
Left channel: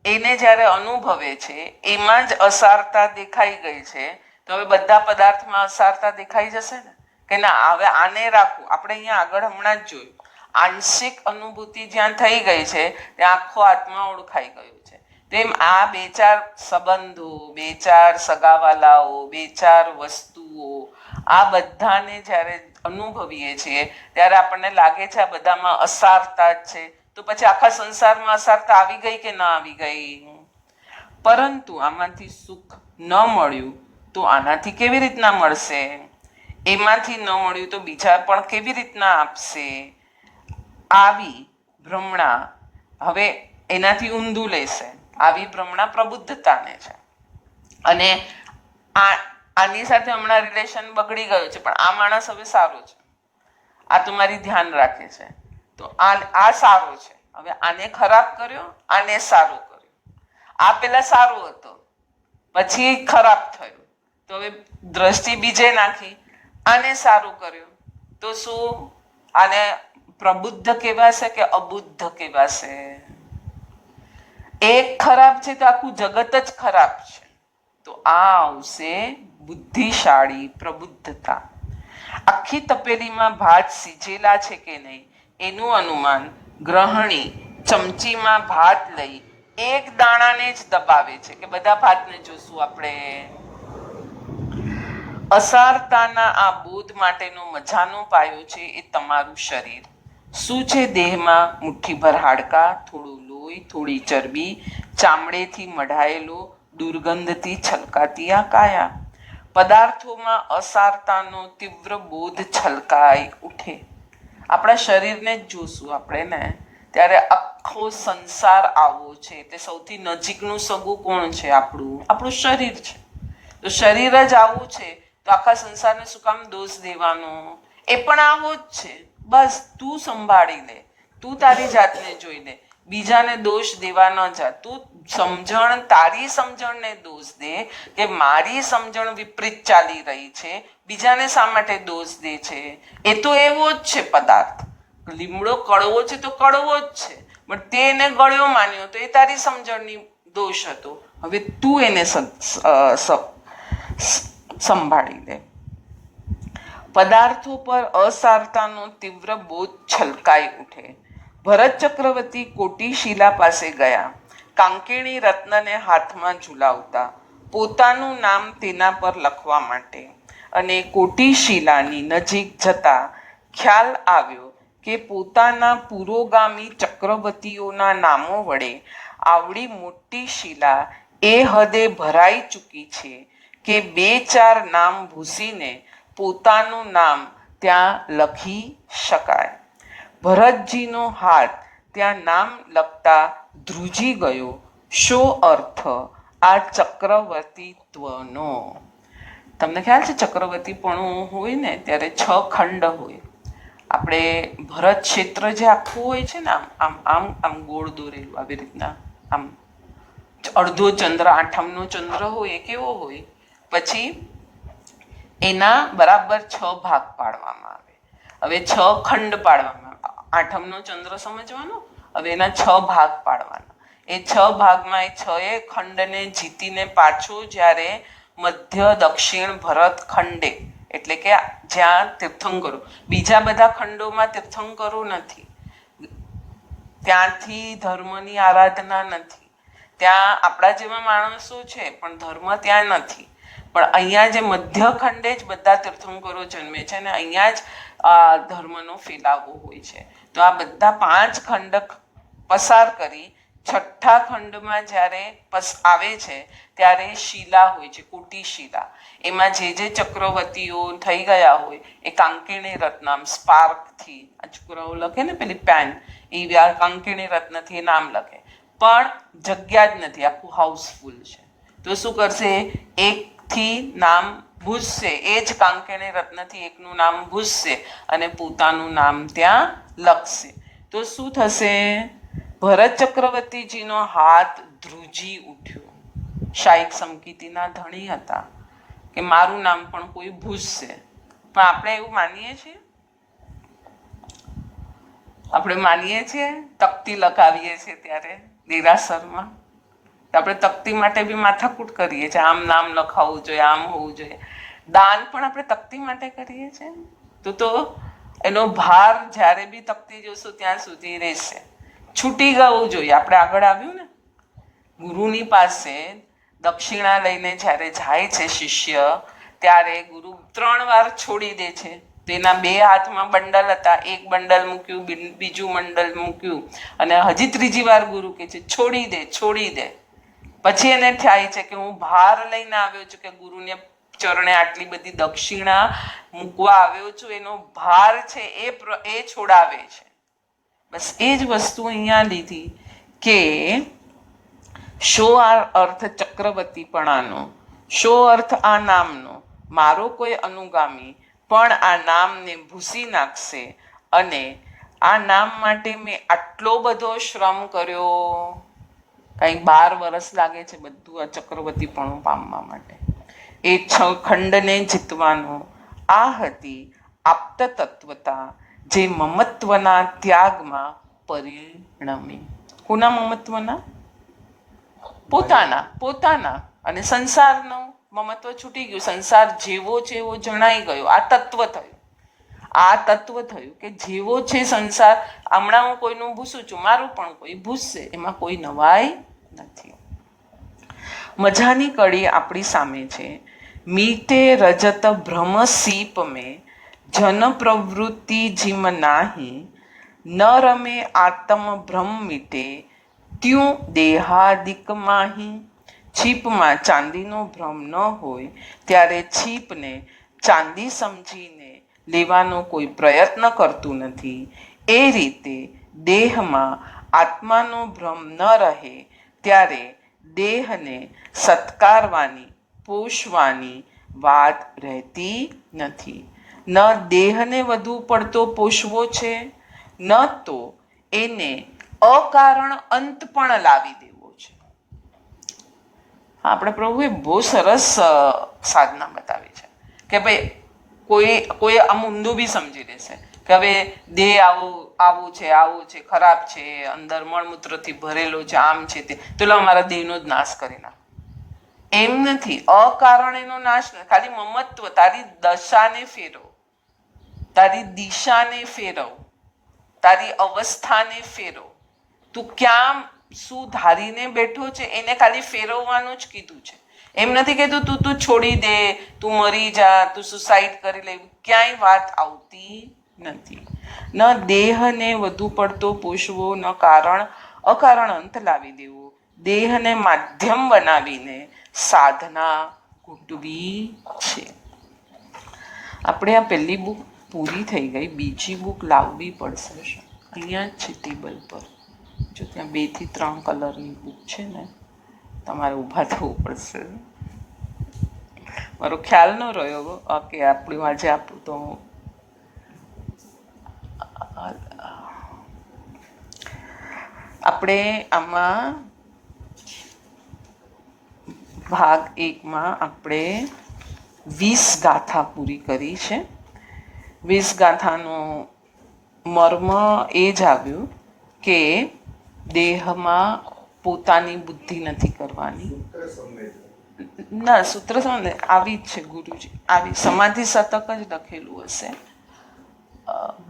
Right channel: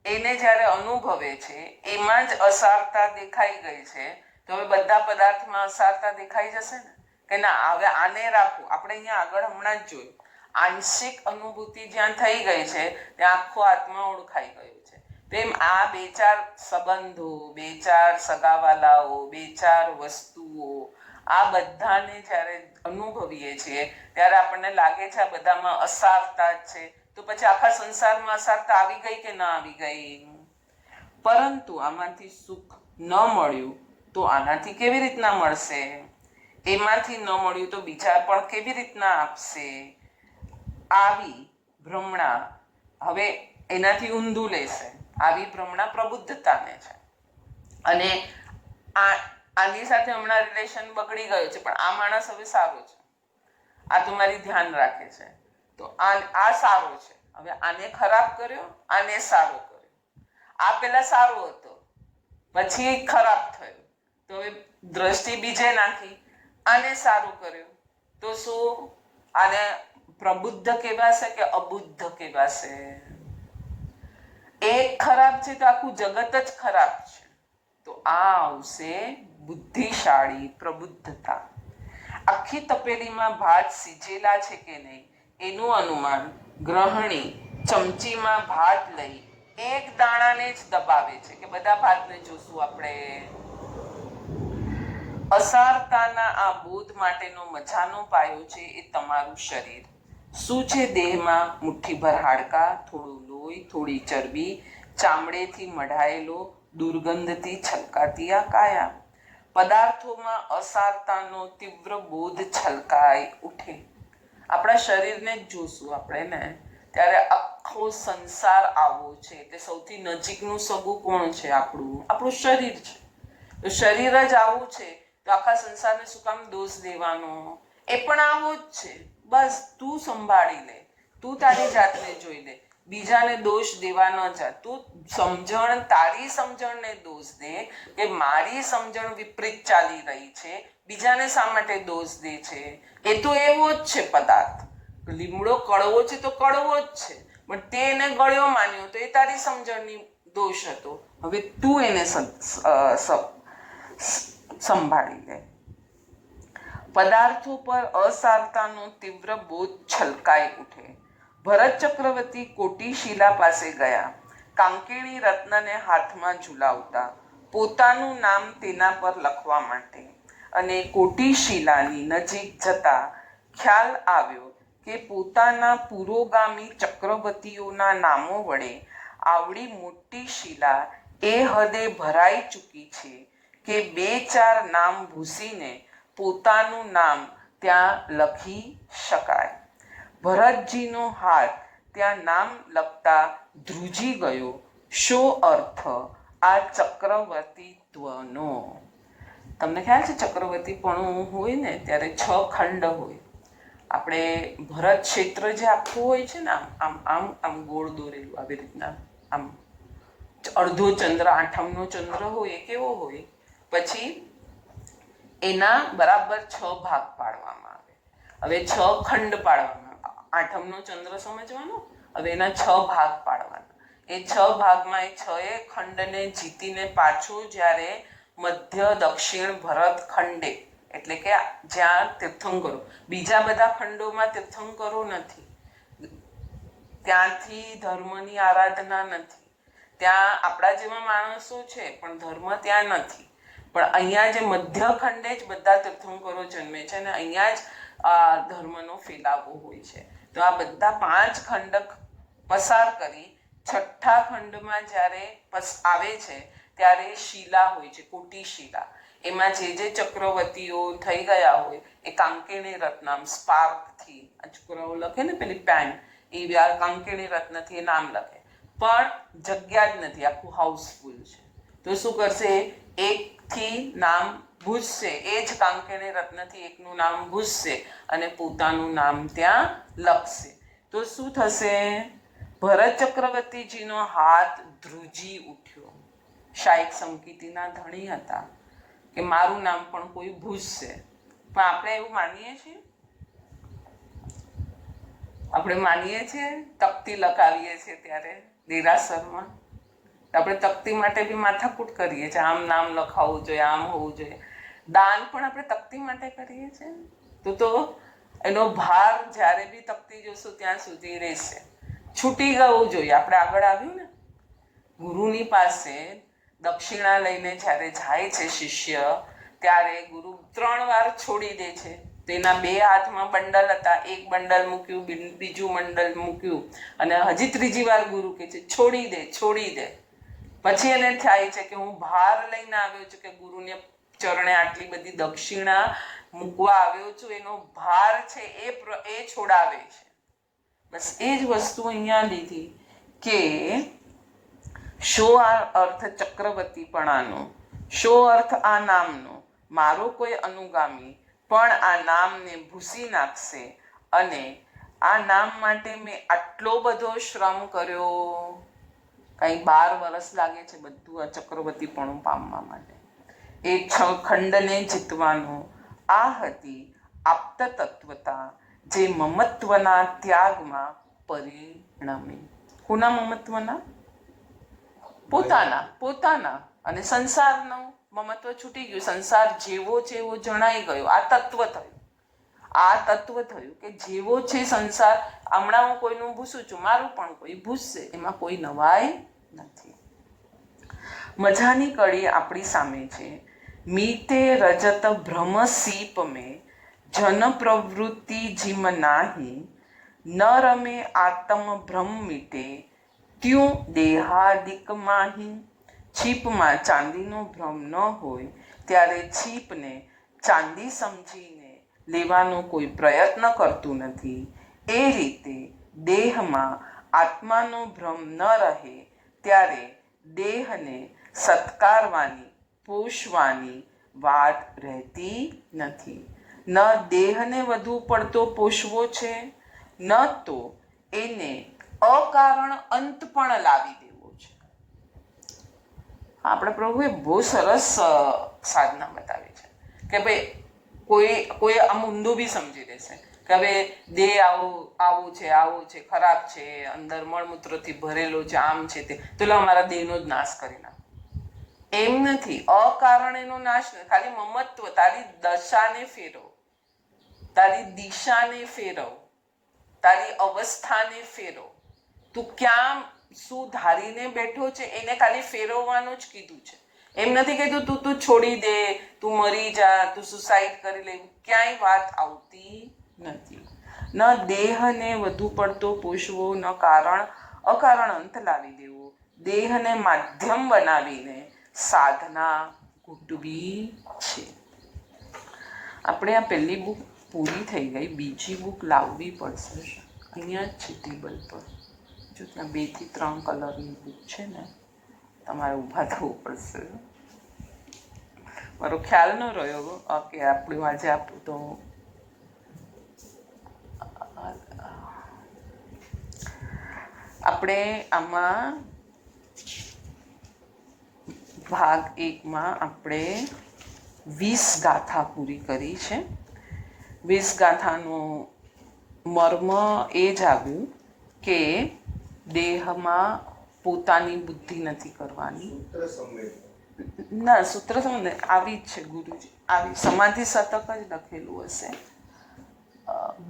એને જ્યારે અનુભવે છે એમાં જ અસારતા દેખાઈ ગઈ છે, તો હવે બધા પદાર્થમાં અસારતા દેખાઈ જશે ને કે ના, હવે આને રાખવું. આપણે અહીંયા આગળ હમણાં જ જોયું, આંશિક અનુભૂતિ જ્યાં થઈ ગઈ છે ત્યાં આખો આત્મા ઓળખાઈ ગયો છે. તેમ આ બે ચાર સંબંધો, બે ચાર સગાવાલાઓ, બે ચાર વસ્તુઓ, આ બધાને જ્યારે અનુભવીએ છીએ ત્યારે આપણને લાગે છે આ બધામાં અસારતા જ છે. તો પછી આખા સંસારમાં અસારતા આવી ગઈ કે ના આવી ગઈ? પરંતુ આમાંથી સુખ ન મળ્યું તો આનાથી કેવી રીતના મળશે? એમાંથી ન મળ્યું તો બીજા પણ કેવી રીતના આપશે? આવી ભ્રમણા હવે એનાથી ઊંધું લેશે. આવી ભ્રમણા પ્રબુદ્ધતાને છે. અને આની સાથે હમણાં રિલેશન બગડી ગયો છે, પણ આ માણસ હવે સારો છે, આ તમારી ધ્યાન રાખે છે, તો આ સારો છે. હવે આને ખરાબ કર્યો, આને સારો કર્યો. આ પેલા સારો હતો, પછી ખરાબ થયો, તો હવે દ્રષ્ટિ બીજે નાખી, આને સારું કર્યું, તો શું આને પ્રબુદ્ધ કહેવાશે કે અબુદ્ધ કહેવાશે? એક ખરાબ છે તો આખું જગત જ ખરાબ છે. તો આ આવશે બુદ્ધિશાળી પ્રબુદ્ધતા. આખી તપેલીમાં ભાત સીજેલા છે કે નહીં એનું અનુમાન ગ્રહણી ચમચીમાં ભાત લઈ એક દાણાને જ દબાવે છે કે બધા ભાતને જોશું આપણે. અસારતાના આ બોધ માટેનો મજાનો પાયો છે એ તમારું શરીર. શું છે દેહમાં? મુઠ્ઠીભર હાડકા, થોડું લોહી, થોડી ચરબી, ચામડેથી મઢાયેલો, દુર્ગંધથી છલકાતી આ કાયા. પદાર્થોમાં અસારતાનો તીવ્ર બોધ છલકાઈ ઉઠે. આપણા શરીરને જ જોશું આપણે ને ત્યારે આખો સંસાર આવો છે. તે સૌથી નજીકનું સગું કોણ છે? આપણું શરીર છે. તો શરીર જ આવું છે તો આખા સંસારને શું કામ દોષ દેવાનો? એ પણ આવો જ છે. બસ તું સંભાળી લે, તું તારી જાતને જોઈ લે, બીજાને દોષ દેવા ન જા. તું સમજણ, તારી સમજણને દોષ દે કે મારી સમજણ વિપરીત ચાલી રહી છે, બીજાને શા માટે દોષ દે છે? એ તો એવો જ છે પદાર્થ. લીમડો કડવો છે તો કડવો જ છે, પણ તે એને ગળ્યો માન્યો તો એ તારી સમજણની દોષ હતો. હવે તું એને સંભાળી લે. પદાર્થો પર અસારતાનો તીવ્ર બોધ છલકાઈ ઉઠે. ભરત ચક્રવર્તી કોટી શિલા પાસે ગયા, કાંકેણી રત્નને હાથમાં ઝુલાવતા, પોતાનું નામ તેના પર લખવા માટે. અને કોટી શિલાની નજીક જતા ખ્યાલ આવ્યો કે પોતાના પુરોગામી ચક્રવર્તીઓના નામો વડે આવડી મોટી શિલા એ હદે ભરાઈ ચૂકી છે કે બે ચાર નામ ભૂસીને પોતાનું નામ ત્યાં લખી શકાય. ભરતજીનો હાથ ત્યાં નામ લખતા ધ્રુજી ગયો. શો અર્થ આ ચક્રવર્તીત્વનો? તમને ખ્યાલ છે ચક્રવર્તીપણું હોય ને ત્યારે 6 ખંડ હોય. આપણે ભરત ક્ષેત્ર જે આખું હોય છે ને આમ આમ આમ ગોળ દોરેલું આવી રીતના, આમ અડધો ચંદ્ર, આઠમનો ચંદ્ર હોય એ કેવો હોય, પછી એના બરાબર 6 ભાગ પાડવામાં આવે. હવે 6 ખંડ પાડવામાં આવે. આઠમનો ચંદ્ર સમજવાનો, હવે એના 6 ભાગ પાડવાના. એ 6 ભાગમાં એ 6 ખંડને જીતીને પાછો જ્યારે મધ્ય દક્ષિણ ભરત ખંડે, એટલે કે જ્યાં તીર્થંકરો, બીજા બધા ખંડોમાં તીર્થંકરો નથી, ત્યાંથી ધર્મની આરાધના નથી, ત્યાં આપણા જેવા માણસો છે પણ ધર્મ ત્યાં નથી. પણ અહીંયા જે મધ્ય ખંડે જ બધા તીર્થંકરો જન્મે છે અને અહીંયા જ આ ધર્મનો ફેલાવો હોય છે. તો આ બધા 5 ખંડ પસાર કરી છઠ્ઠા ખંડમાં જ્યારે આવે છે ત્યારે શિલા હોય છે, કોટી શિલા. એમાં જે જે ચક્રવર્તીઓ થઈ ગયા હોય એ કાંકેણી રત્નામ સ્પાર્કથી, આ છોકરાઓ લખે ને પેલી પેન, એ કાંકેણી રત્નથી નામ લખે, પણ જગ્યા જ નથી, આખું હાઉસફુલ છે. તો શું કરશે? એકથી નામ ભૂસશે, એ જ કાંકેણી રત્નથી એકનું નામ ભૂસશે અને પોતાનું નામ ત્યાં લખશે. તો શું થશે? ભરત ચક્રવર્તીજીનો હાથ ધ્રુજી ઉઠ્યો. શાયદ સમકીતીના ધણી હતા કે મારું નામ પણ કોઈ ભૂસશે. પણ આપણે એવું માનીએ છીએ? આપણે માનીએ છીએ? તકતી લખાવીએ છીએ ત્યારે દેરાસરમાં આપણે તકતી માટે બી માથાકૂટ કરીએ છીએ, આમ નામ લખાવવું જોઈએ, આમ હોવું જોઈએ. દાન પણ આપણે તકતી માટે કરીએ છીએ. તો એનો ભાર જ્યારે બી તકતી જોશું ત્યાં સુધી રહેશે. છૂટી જવું જોઈએ. આપણે આગળ આવ્યું ને, ગુરુની પાસે દક્ષિણા લઈને જ્યારે જાય છે શિષ્ય, ત્યારે ગુરુ 3 વાર છોડી દે છે. તેના 2 હાથમાં બંડલ હતા, એક બંડલ મૂક્યું, બીજું બંડલ મૂક્યું અને હજી 3જી વાર ગુરુ કહે છે છોડી દે, છોડી દે. પછી એને થાય છે કે હું ભાર લઈને આવ્યો છું, કે ગુરુને ચરણે આટલી બધી દક્ષિણા મૂકવા આવ્યો છું, એનો ભાર છે એ છોડાવે છે. બસ એ જ વસ્તુ અહીંયા લીધી કે શો અર્થ ચક્રવર્તીપણાનો, શો અર્થ આ નામનો. મારો કોઈ અનુગામી પણ આ નામને ભૂસી નાખશે અને આ નામ માટે મેં આટલો બધો શ્રમ કર્યો. કંઈ 12 વર્ષ લાગે છે બધું આ ચક્રવર્તીપણું પામવા માટે. એ 6 ખંડને જીતવાનો. આ હતી આપ્ત તત્વતા, જે મમત્વના ત્યાગમાં પરિણમી. કોના મમત્વના? પોતાના. અને સંસારનું મમત્વ છૂટી ગયું, સંસાર જેવો છે એવો જણાઈ ગયો. આ તત્વ થયું કે જેવો છે સંસાર, હમણાં હું કોઈનું ભૂસું છું, મારું પણ કોઈ ભૂસશે, એમાં કોઈ નવાઈ નથી. મજાની કડી આપણી સામે છે. મીટે રજત ભ્રમ સીપ મેં, જન પ્રવૃત્તિ જીમ નાહી, ન રમે આત્મ ભ્રમ મીટે, ત્યું દેહાદિક માહી. છીપમાં ચાંદીનો ભ્રમ ન હોય ત્યારે છીપને ચાંદી સમજીને લેવાનો કોઈ પ્રયત્ન કરતું નથી. એ રીતે દેહમાં આત્માનો ભ્રમ ન રહે ત્યારે દેહને સત્કારવાની, પોષવાની વાત રહેતી નથી. ન દેહને વધુ પડતો પોષવો છે, ન તો એને અકારણ અંત પણ લાવી દેવો છે. આપણે પ્રભુએ બહુ સરસ સાધના બતાવી છે કે ભાઈ કોઈ આમ ઊંધું બી સમજી લેશે કે હવે દેહ આવું છે, ખરાબ છે, અંદર મળમૂત્રથી ભરેલો છે, આમ છે તે, તો અમારા દેહનો જ નાશ કરી નાખ. એમ નથી. અકારણ એનો નાશ નથી. ખાલી મમત્વ, તારી દશાને ફેરવ, તારી દિશાને ફેરવ, તારી અવસ્થાને ફેરવ. તું ક્યાં શું ધારીને બેઠો છે એને ખાલી ફેરવવાનું જ કીધું છે. એમ નથી કીધું તું છોડી દે, તું મરી જા, તું સુસાઇડ કરી લે. ક્યાંય વાત આવતી નથી. ન દેહને વધુ પડતો પોષવો, ન અકારણ અંત લાવી દેવો. દેહને માધ્યમ બનાવીને સાધના ઘૂંટવી છે. આપણે આ પહેલી બુક પૂરી થઈ ગઈ, બીજી બુક લાવવી પડશે. અહીંયા જ છે ટેબલ પર. જો ત્યાં 2 થી 3 કલરની બુક છે ને, તમારે ઊભા થવું પડશે. મારો ખ્યાલ ન રહ્યો કે આપણું આજે આપણું તો આપણે આમાં ભાગ 1માં આપણે 20 ગાથા પૂરી કરી છે. 20 ગાથાનો મર્મ એ જ આવ્યું કે દેહમાં પોતાની બુદ્ધિ નથી કરવાની. ના, સૂત્ર આવી જ છે ગુરુજી, આવી સમાધિ શતક જ લખેલું હશે.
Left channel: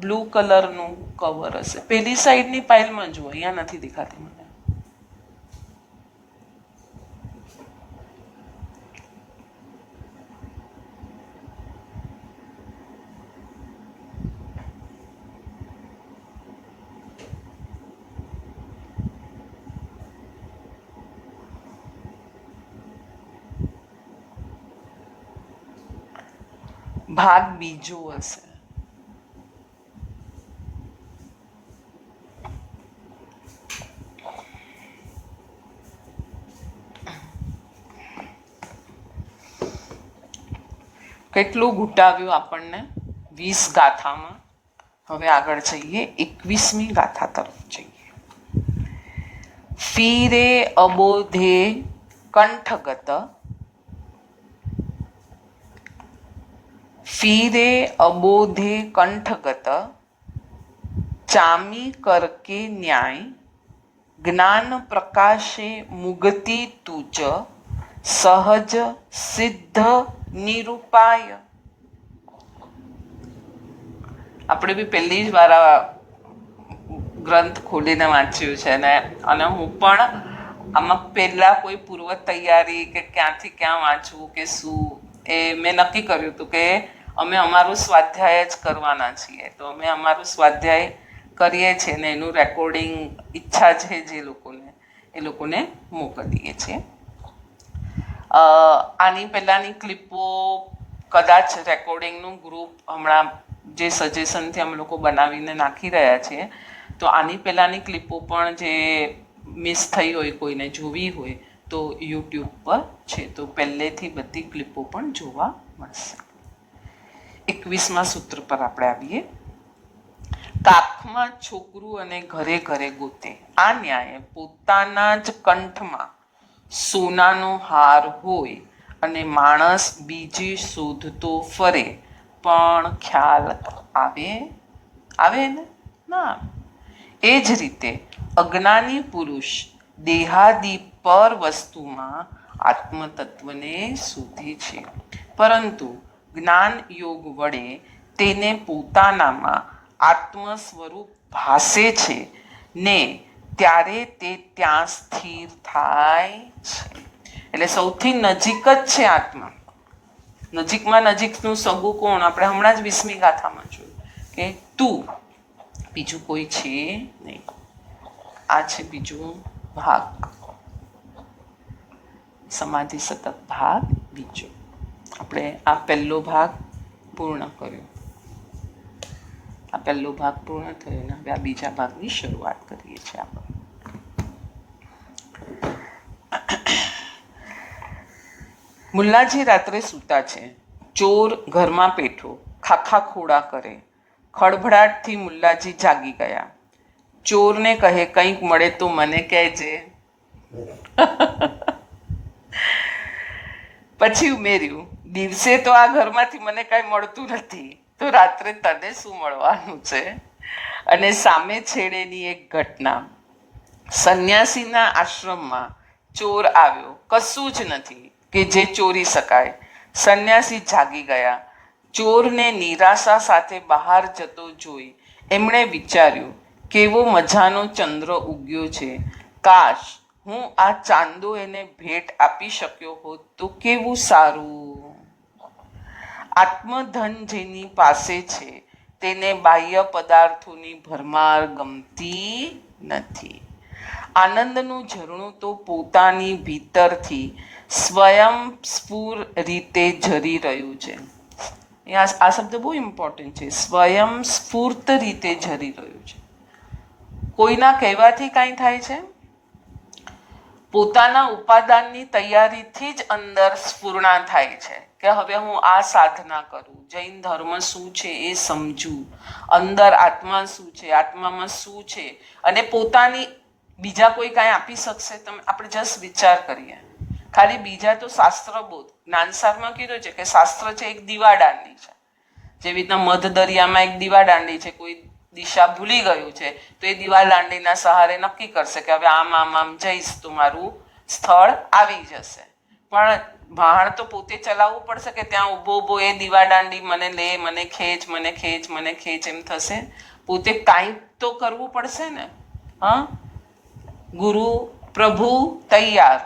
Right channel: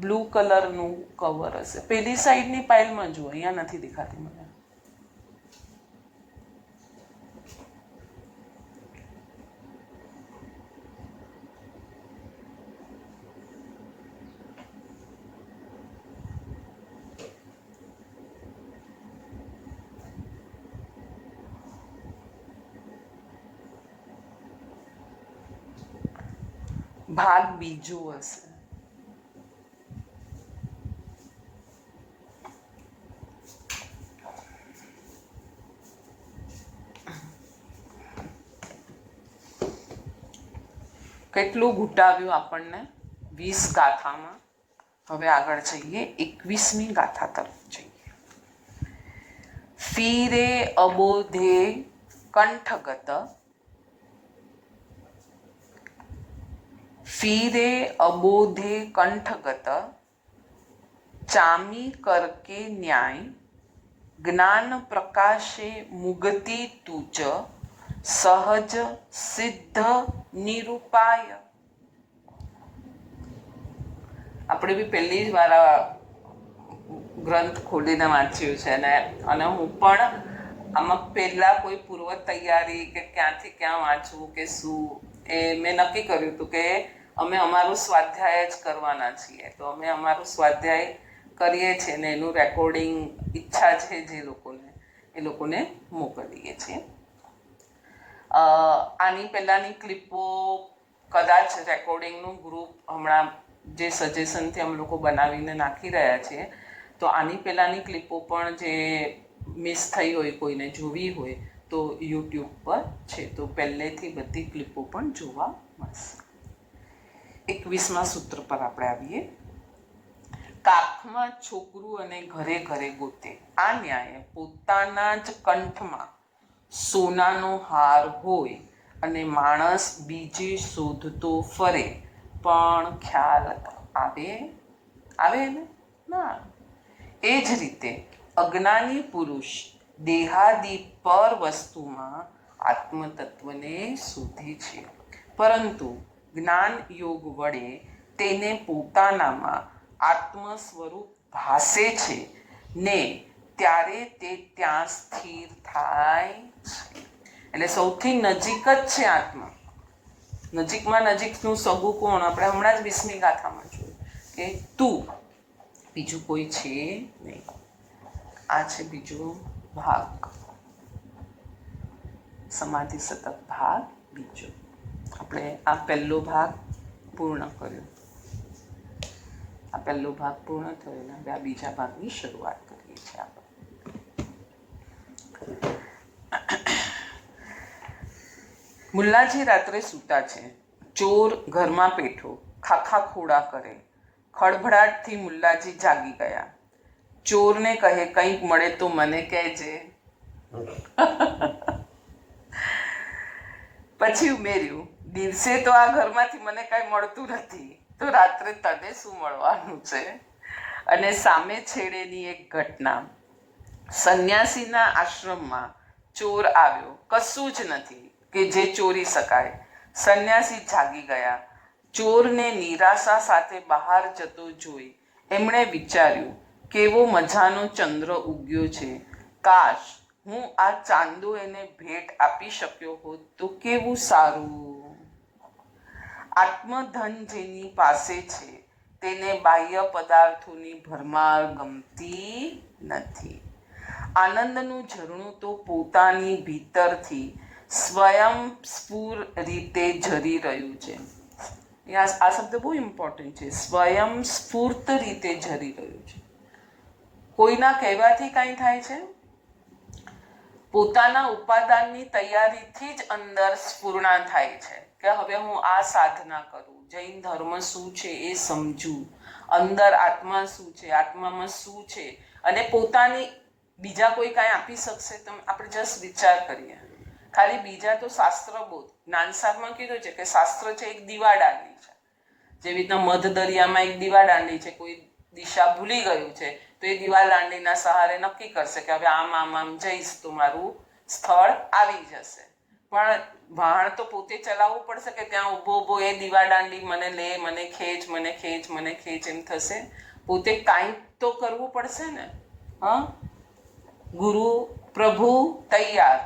બ્લુ કલરનું કવર હશે. પેલી સાઈડની પાઇલમાં જુઓ, અહીંયા નથી દેખાતી મને. ભાગ બીજો હશે. કેટલું ઘૂંટાવ્યું આપણને 20 ગાથામાં. હવે આગળ જઈએ 21મી ગાથા તરફ જઈએ. ફીરે અબોધે કંઠગત, ફીરે અબોધે કંઠગત, ચામી કરકે ન્યાય, જ્ઞાન પ્રકાશે મુગતિ તુજ, સહજ સિદ્ધ નિરૂપાય. આપણે બી પહેલી જ વાર આ ગ્રંથ ખોલીને વાંચ્યું છે ને, અને હું પણ આમાં પહેલાં કોઈ પૂર્વ તૈયારી કે ક્યાંથી ક્યાં વાંચવું કે શું એ મેં નક્કી કર્યું હતું કે અમે અમારું સ્વાધ્યાય જ કરવાના છીએ. તો અમે અમારું સ્વાધ્યાય કરીએ છીએ ને એનું રેકોર્ડિંગ ઈચ્છા છે જે લોકોને એ લોકોને મોકલીએ છીએ. આની પહેલાંની ક્લિપો કદાચ રેકોર્ડિંગનું ગ્રુપ હમણાં જે સજેશનથી અમે લોકો બનાવીને નાખી રહ્યા છીએ, તો આની પહેલાંની ક્લિપો પણ જે મિસ થઈ હોય, કોઈને જોવી હોય તો યુટ્યુબ પર છે, તો પહેલેથી બધી ક્લિપો પણ જોવા મળશે. 21મા સૂત્ર પર આપણે આવીએ. કાખમાં છોકરું અને ઘરે ઘરે ગોતે, આ ન્યાય પોતાના જ કંઠમાં સોનાનો હાર હોય અને માણસ બીજે શોધતો ફરે પણ ખ્યાલ આવે ને ના. એ જ રીતે અજ્ઞાની પુરુષ દેહાદી પર વસ્તુમાં આત્મતત્વને શોધે છે, પરંતુ જ્ઞાન યોગ વડે તેને પોતાનામાં આત્મ સ્વરૂપ ભાસે છે ને ત્યારે તે ત્યાં સ્થિર થાય છે. એટલે સૌથી નજીક જ છે આત્મા. નજીકમાં નજીકનું સગું કોણ? આપણે હમણાં જ 20મી ગાથામાં જોયું કે તું, બીજું કોઈ છે નહીં. આ છે બીજો ભાગ, સમાધિ શતક ભાગ બીજો. આપણે આ પહેલો ભાગ પૂર્ણ કર્યો. આ પહેલો ભાગ પૂર્ણ થયો ને હવે આ બીજા ભાગની શરૂઆત કરીએ છીએ આપણે. મુલ્લાજી રાત્રે સૂતા છે. ચોર ઘરમાં પેઠો ખાખા ખોડા કરે. ખળભળાટથી મુલ્લાજી જાગી ગયા. ચોરને કહે, કંઈક મળે તો મને કહેજે. પછી ઉમેર્યું, દિવસે તો આ ઘરમાંથી મને કાંઈ મળતું નથી, તો રાત્રે તને શું મળવાનું છે? અને સામે છેડેની એક ઘટના. સંન્યાસીના આશ્રમમાં ચોર આવ્યો. કશું જ નથી કે જે ચોરી શકાય. સંન્યાસી જાગી ગયા. ચોરને નિરાશા સાથે બહાર જતો જોઈ એમણે વિચાર્યું, કેવો મજાનો ચંદ્ર ઉગ્યો છે. કાશ હું આ ચાંદો એને ભેટ આપી શક્યો હોત તો કેવું સારું. આત્મધન જેની પાસે છે તેને બાહ્ય પદાર્થોની ભરમાર ગમતી નથી. આનંદનું ઝરણું તો પોતાની ભીતરથી સ્વયં સ્ફુર રીતે ઝરી રહ્યું છે. આ શબ્દ બહુ ઇમ્પોર્ટન્ટ છે. સ્વયં સ્ફૂર્ત રીતે ઝરી રહ્યું છે. કોઈના કહેવાથી કાંઈ થાય છે? પોતાના ઉપાદાનની તૈયારીથી જ અંદર સ્ફૂર્ણા થાય છે કે હવે હું આ સાધના કરું, જૈન ધર્મ શું છે એ સમજું, અંદર આત્મા શું છે, આત્મામાં શું છે, અને પોતાની બીજા કોઈ કાંઈ આપી શકશે? આપણે જસ્ટ વિચાર કરીએ. ખાલી બીજા તો શાસ્ત્રબોધ જ્ઞાનસારમાં કીધું છે કે શાસ્ત્ર છે એક દીવાદાંડી છે. જેવી રીતના મધ દરિયામાં એક દીવાદાંડી છે, કોઈ દિશા ભૂલી ગયું છે તો એ દીવાદાંડીના સહારે નક્કી કરશે કે હવે આમ આમ આમ જઈશ તો મારું સ્થળ આવી જશે. પણ ભાણ તો પોતે ચલાવવું પડશે કે ત્યાં ઊભો ઊભો એ દીવાદાંડી મને લે, મને ખેંચ, મને ખેંચ, મને ખેંચ એમ થશે? પોતે કાંઈ તો કરવું પડશે ને. હા, ગુરુ પ્રભુ તૈયાર,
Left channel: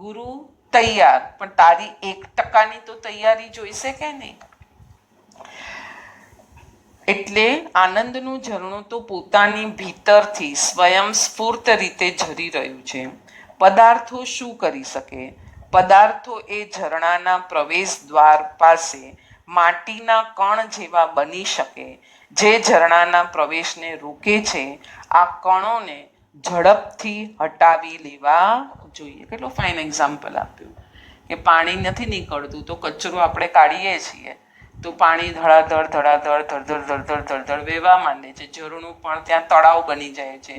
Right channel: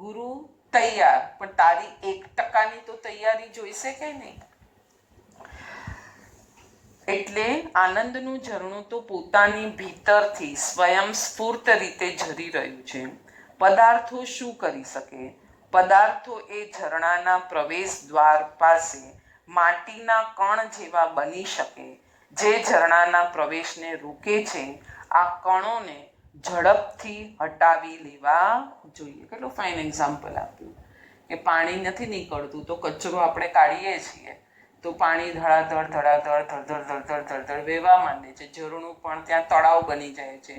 ગુરુ તૈયાર, પણ તારી 1% તો તૈયારી જોઈશે કે નહીં? એટલે આનંદનું ઝરણું તો પોતાની ભીતરથી સ્વયં સ્ફૂર્ત રીતે ઝરી રહ્યું છે. પદાર્થો શું કરી શકે? પદાર્થો એ ઝરણાના પ્રવેશ દ્વાર પાસે માટીના કણ જેવા બની શકે જે ઝરણાના પ્રવેશને રોકે છે. આ કણોને ઝડપથી હટાવી લેવા જોઈએ. કેટલો ફાઇન એક્ઝામ્પલ આપ્યું કે પાણી નથી નીકળતું તો કચરો આપણે કાઢીએ છીએ તો પાણી ધડાધડ ધડાધડ ધડધડ ધડધડ ધડધડ વહેવા માંડે છે. ઝરણું પણ ત્યાં તળાવ બની જાય છે.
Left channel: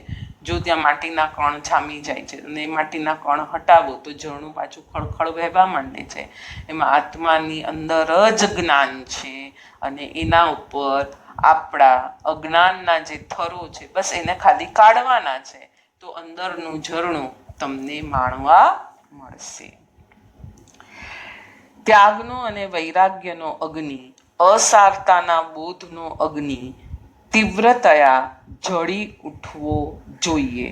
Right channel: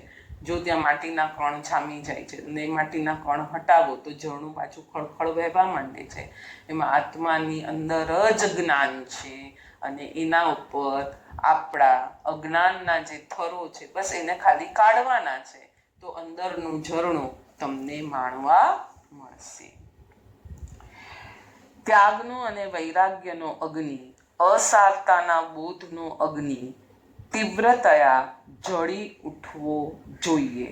જો ત્યાં માટીના કણ જામી જાય છે અને માટીના કણ હટાવો તો ઝરણું પાછું ખળખળ વહેવા માંડે છે. એમાં આત્માની અંદર જ જ્ઞાન છે અને એના ઉપર આપણા અજ્ઞાનના જે થરો છે બસ એને ખાલી કાઢવાના છે તો અંદરનું ઝરણું તમને માણવા મળશે. ત્યાગનો અને વૈરાગ્યનો અગ્નિ, અસારતાના બોધનો અગ્નિ તીવ્રતયા જળી ઉઠવો જોઈએ.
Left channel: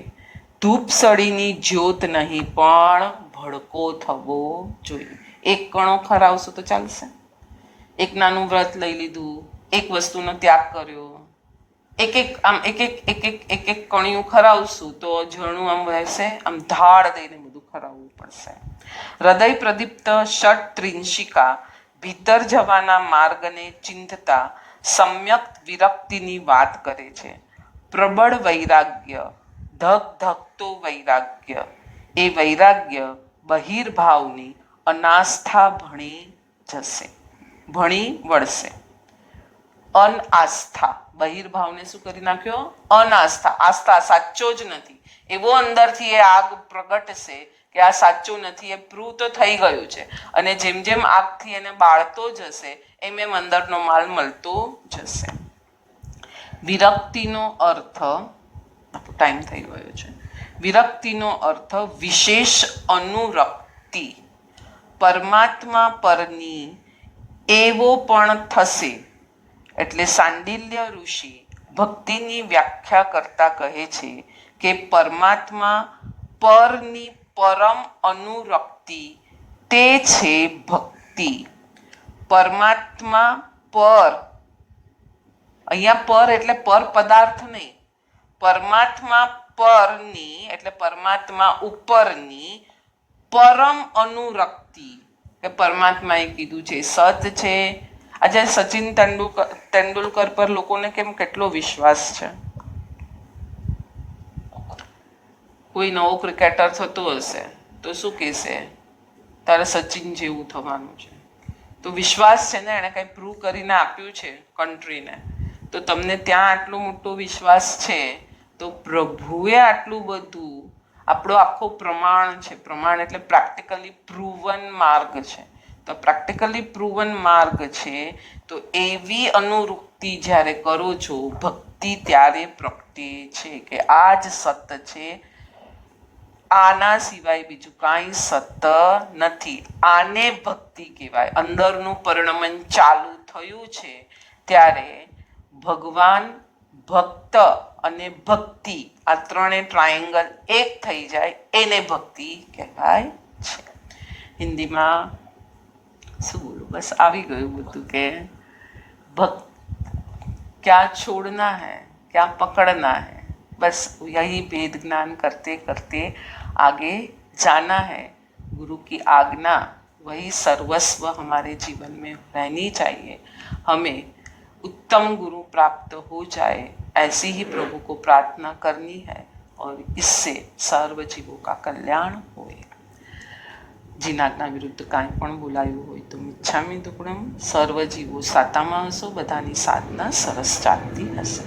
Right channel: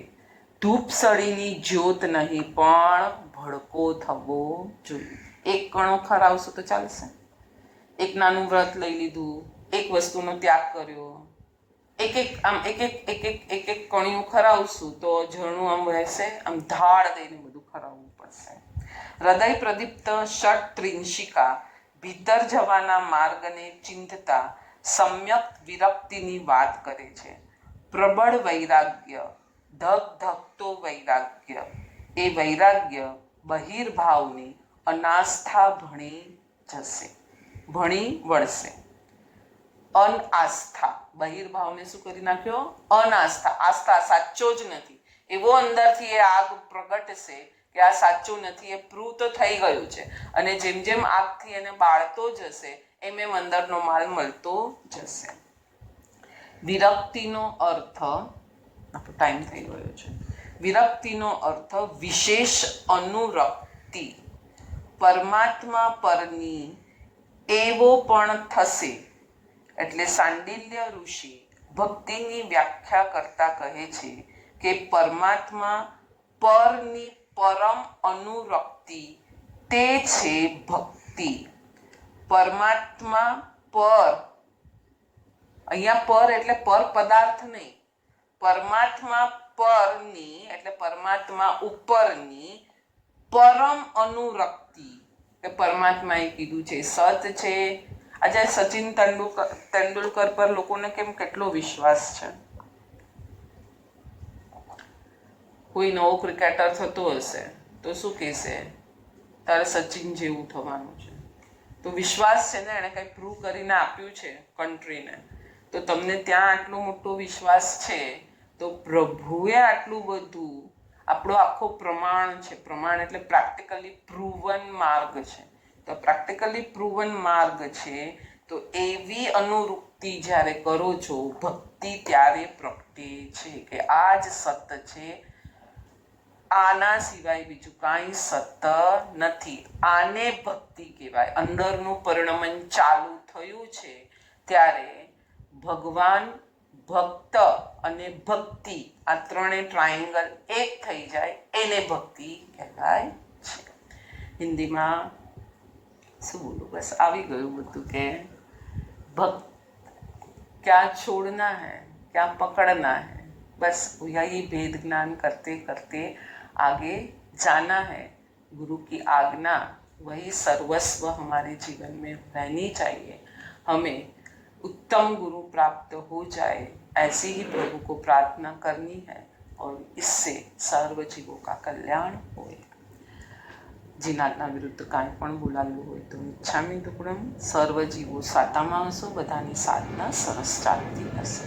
ધૂપસળીની જ્યોત નહીં પણ ભડકો થવો જોઈએ. એક કણો ખરાવશું તો ચાલશે. એક નાનું વ્રત લઈ લીધું, એક વસ્તુનો ત્યાગ કર્યો, એક કણિયું ખરાવશું તો ઝરણું આમ વહેશે. આમ ધાડ દઈને બધું ખરાવવું પડશે. હૃદય પ્રદીપ્ત ષટ ત્રિંશિકા ભીતર જવાના માર્ગને ચિંતતા સમ્યક વિરક્તિની વાત કરે છે. પ્રબળ વૈરાગ્ય, ધક ધકતો વૈરાગ્ય, એ વૈરાગ્ય બહિર્ભાવની અનાસ્થા ભણી વળશે. અનાસ્થા, બહિર્ભાવને શું કરી નાખ્યો? અનાસ્થા. આસ્થા સાચો જ નથી એવો અંદરથી એ આગ પ્રગટશે કે આ સાચું નથી, એ પ્રૂવ તો થઈ ગયું છે. અને જેમ જેમ આગથી એને બાળતો જશે એમ એમ અંદરનો માલ મળતો જશે. વિરક્તિનો અર્થ, ટાઈમ થઈ ગયો છે. વિરક્તિનો અર્થ વિશેષ અનુરક્તિ, પરમાત્મા પરની એવો પણ થશે. એટલે સાંડિલ્ય ઋષિ ભક્તિની વ્યાખ્યા કરતા કહે છે કે પરમાત્મા પરની પરમ અનુરક્તિ તે છે ભક્તિ. પરમાત્મા પર, અહીંયા પર એટલે પર પદાર્થ નહીં, પરમાત્મા પરની એટલે પરમાત્મા ઉપરની પરમ અનુરક્તિ. કે પરમાત્માએ કીધું છે સત છે. આજે સચિન તેંડુલકર પર લોકોને કેમ કેટલો વિશ્વાસ છે? કોઈ નવો ક્રિકેટર થતો હશે તો શું કહેશે? તારે સચિન જેવું થવાનું છે. તો વિશ્વાસ છે ને, એણે કંઈ પ્રૂવ કરીને આપ્યું છે કન્ટ્રીને. તો તમને ત્યાં આટલું મોટો વિશ્વાસ છે તો પ્રભુએ આટલું બધું, આપણો આખો પ્રમાણ છે. પ્રમાણ એટલે પ્રેક્ટિકલી પ્રૂવન માર્ગ છે. તો પ્રેક્ટિકલી પ્રૂવન માર્ગ છે તો એવી અનુવૃત્તિ જ્યારે કરો છો ભક્તિ ત્યારે પ્રગટે છે કે આ જ સત છે, આના સિવાય બીજું કાંઈ સત નથી. આને ભક્તિ કહેવાય. અંદરનું પરિણમન ચાલુ થયું છે ત્યારે ભગવાન, ભક્ત અને ભક્તિ, આ ત્રણે ટ્રાયેંગલ એક થઈ જાય એને ભક્તિ કહેવાય છે. હિન્દીમાં શું બોલું, બસ આવી ગયું બધું કે भक्त क्या छोड़ना है, क्या पकड़ना है, बस यही भेद ज्ञान करते करते आगे जाना है. गुरु की आज्ञा वही सर्वस्व हमारे जीवन में रहनी चाहिए. हमें उत्तम गुरु प्राप्त हो जाए ऐसी ही प्रभु को प्रार्थना करनी है और इससे सर्व जीवों का कल्याण होए. જીનાજ્ઞા વિરુદ્ધ કાંઈ પણ બોલાયું હોય તો મિચ્છામિ દુક્કડમ. સર્વ જીવો સાતામાં હશો, બધાની સાધના સરસ ચાલતી હશે.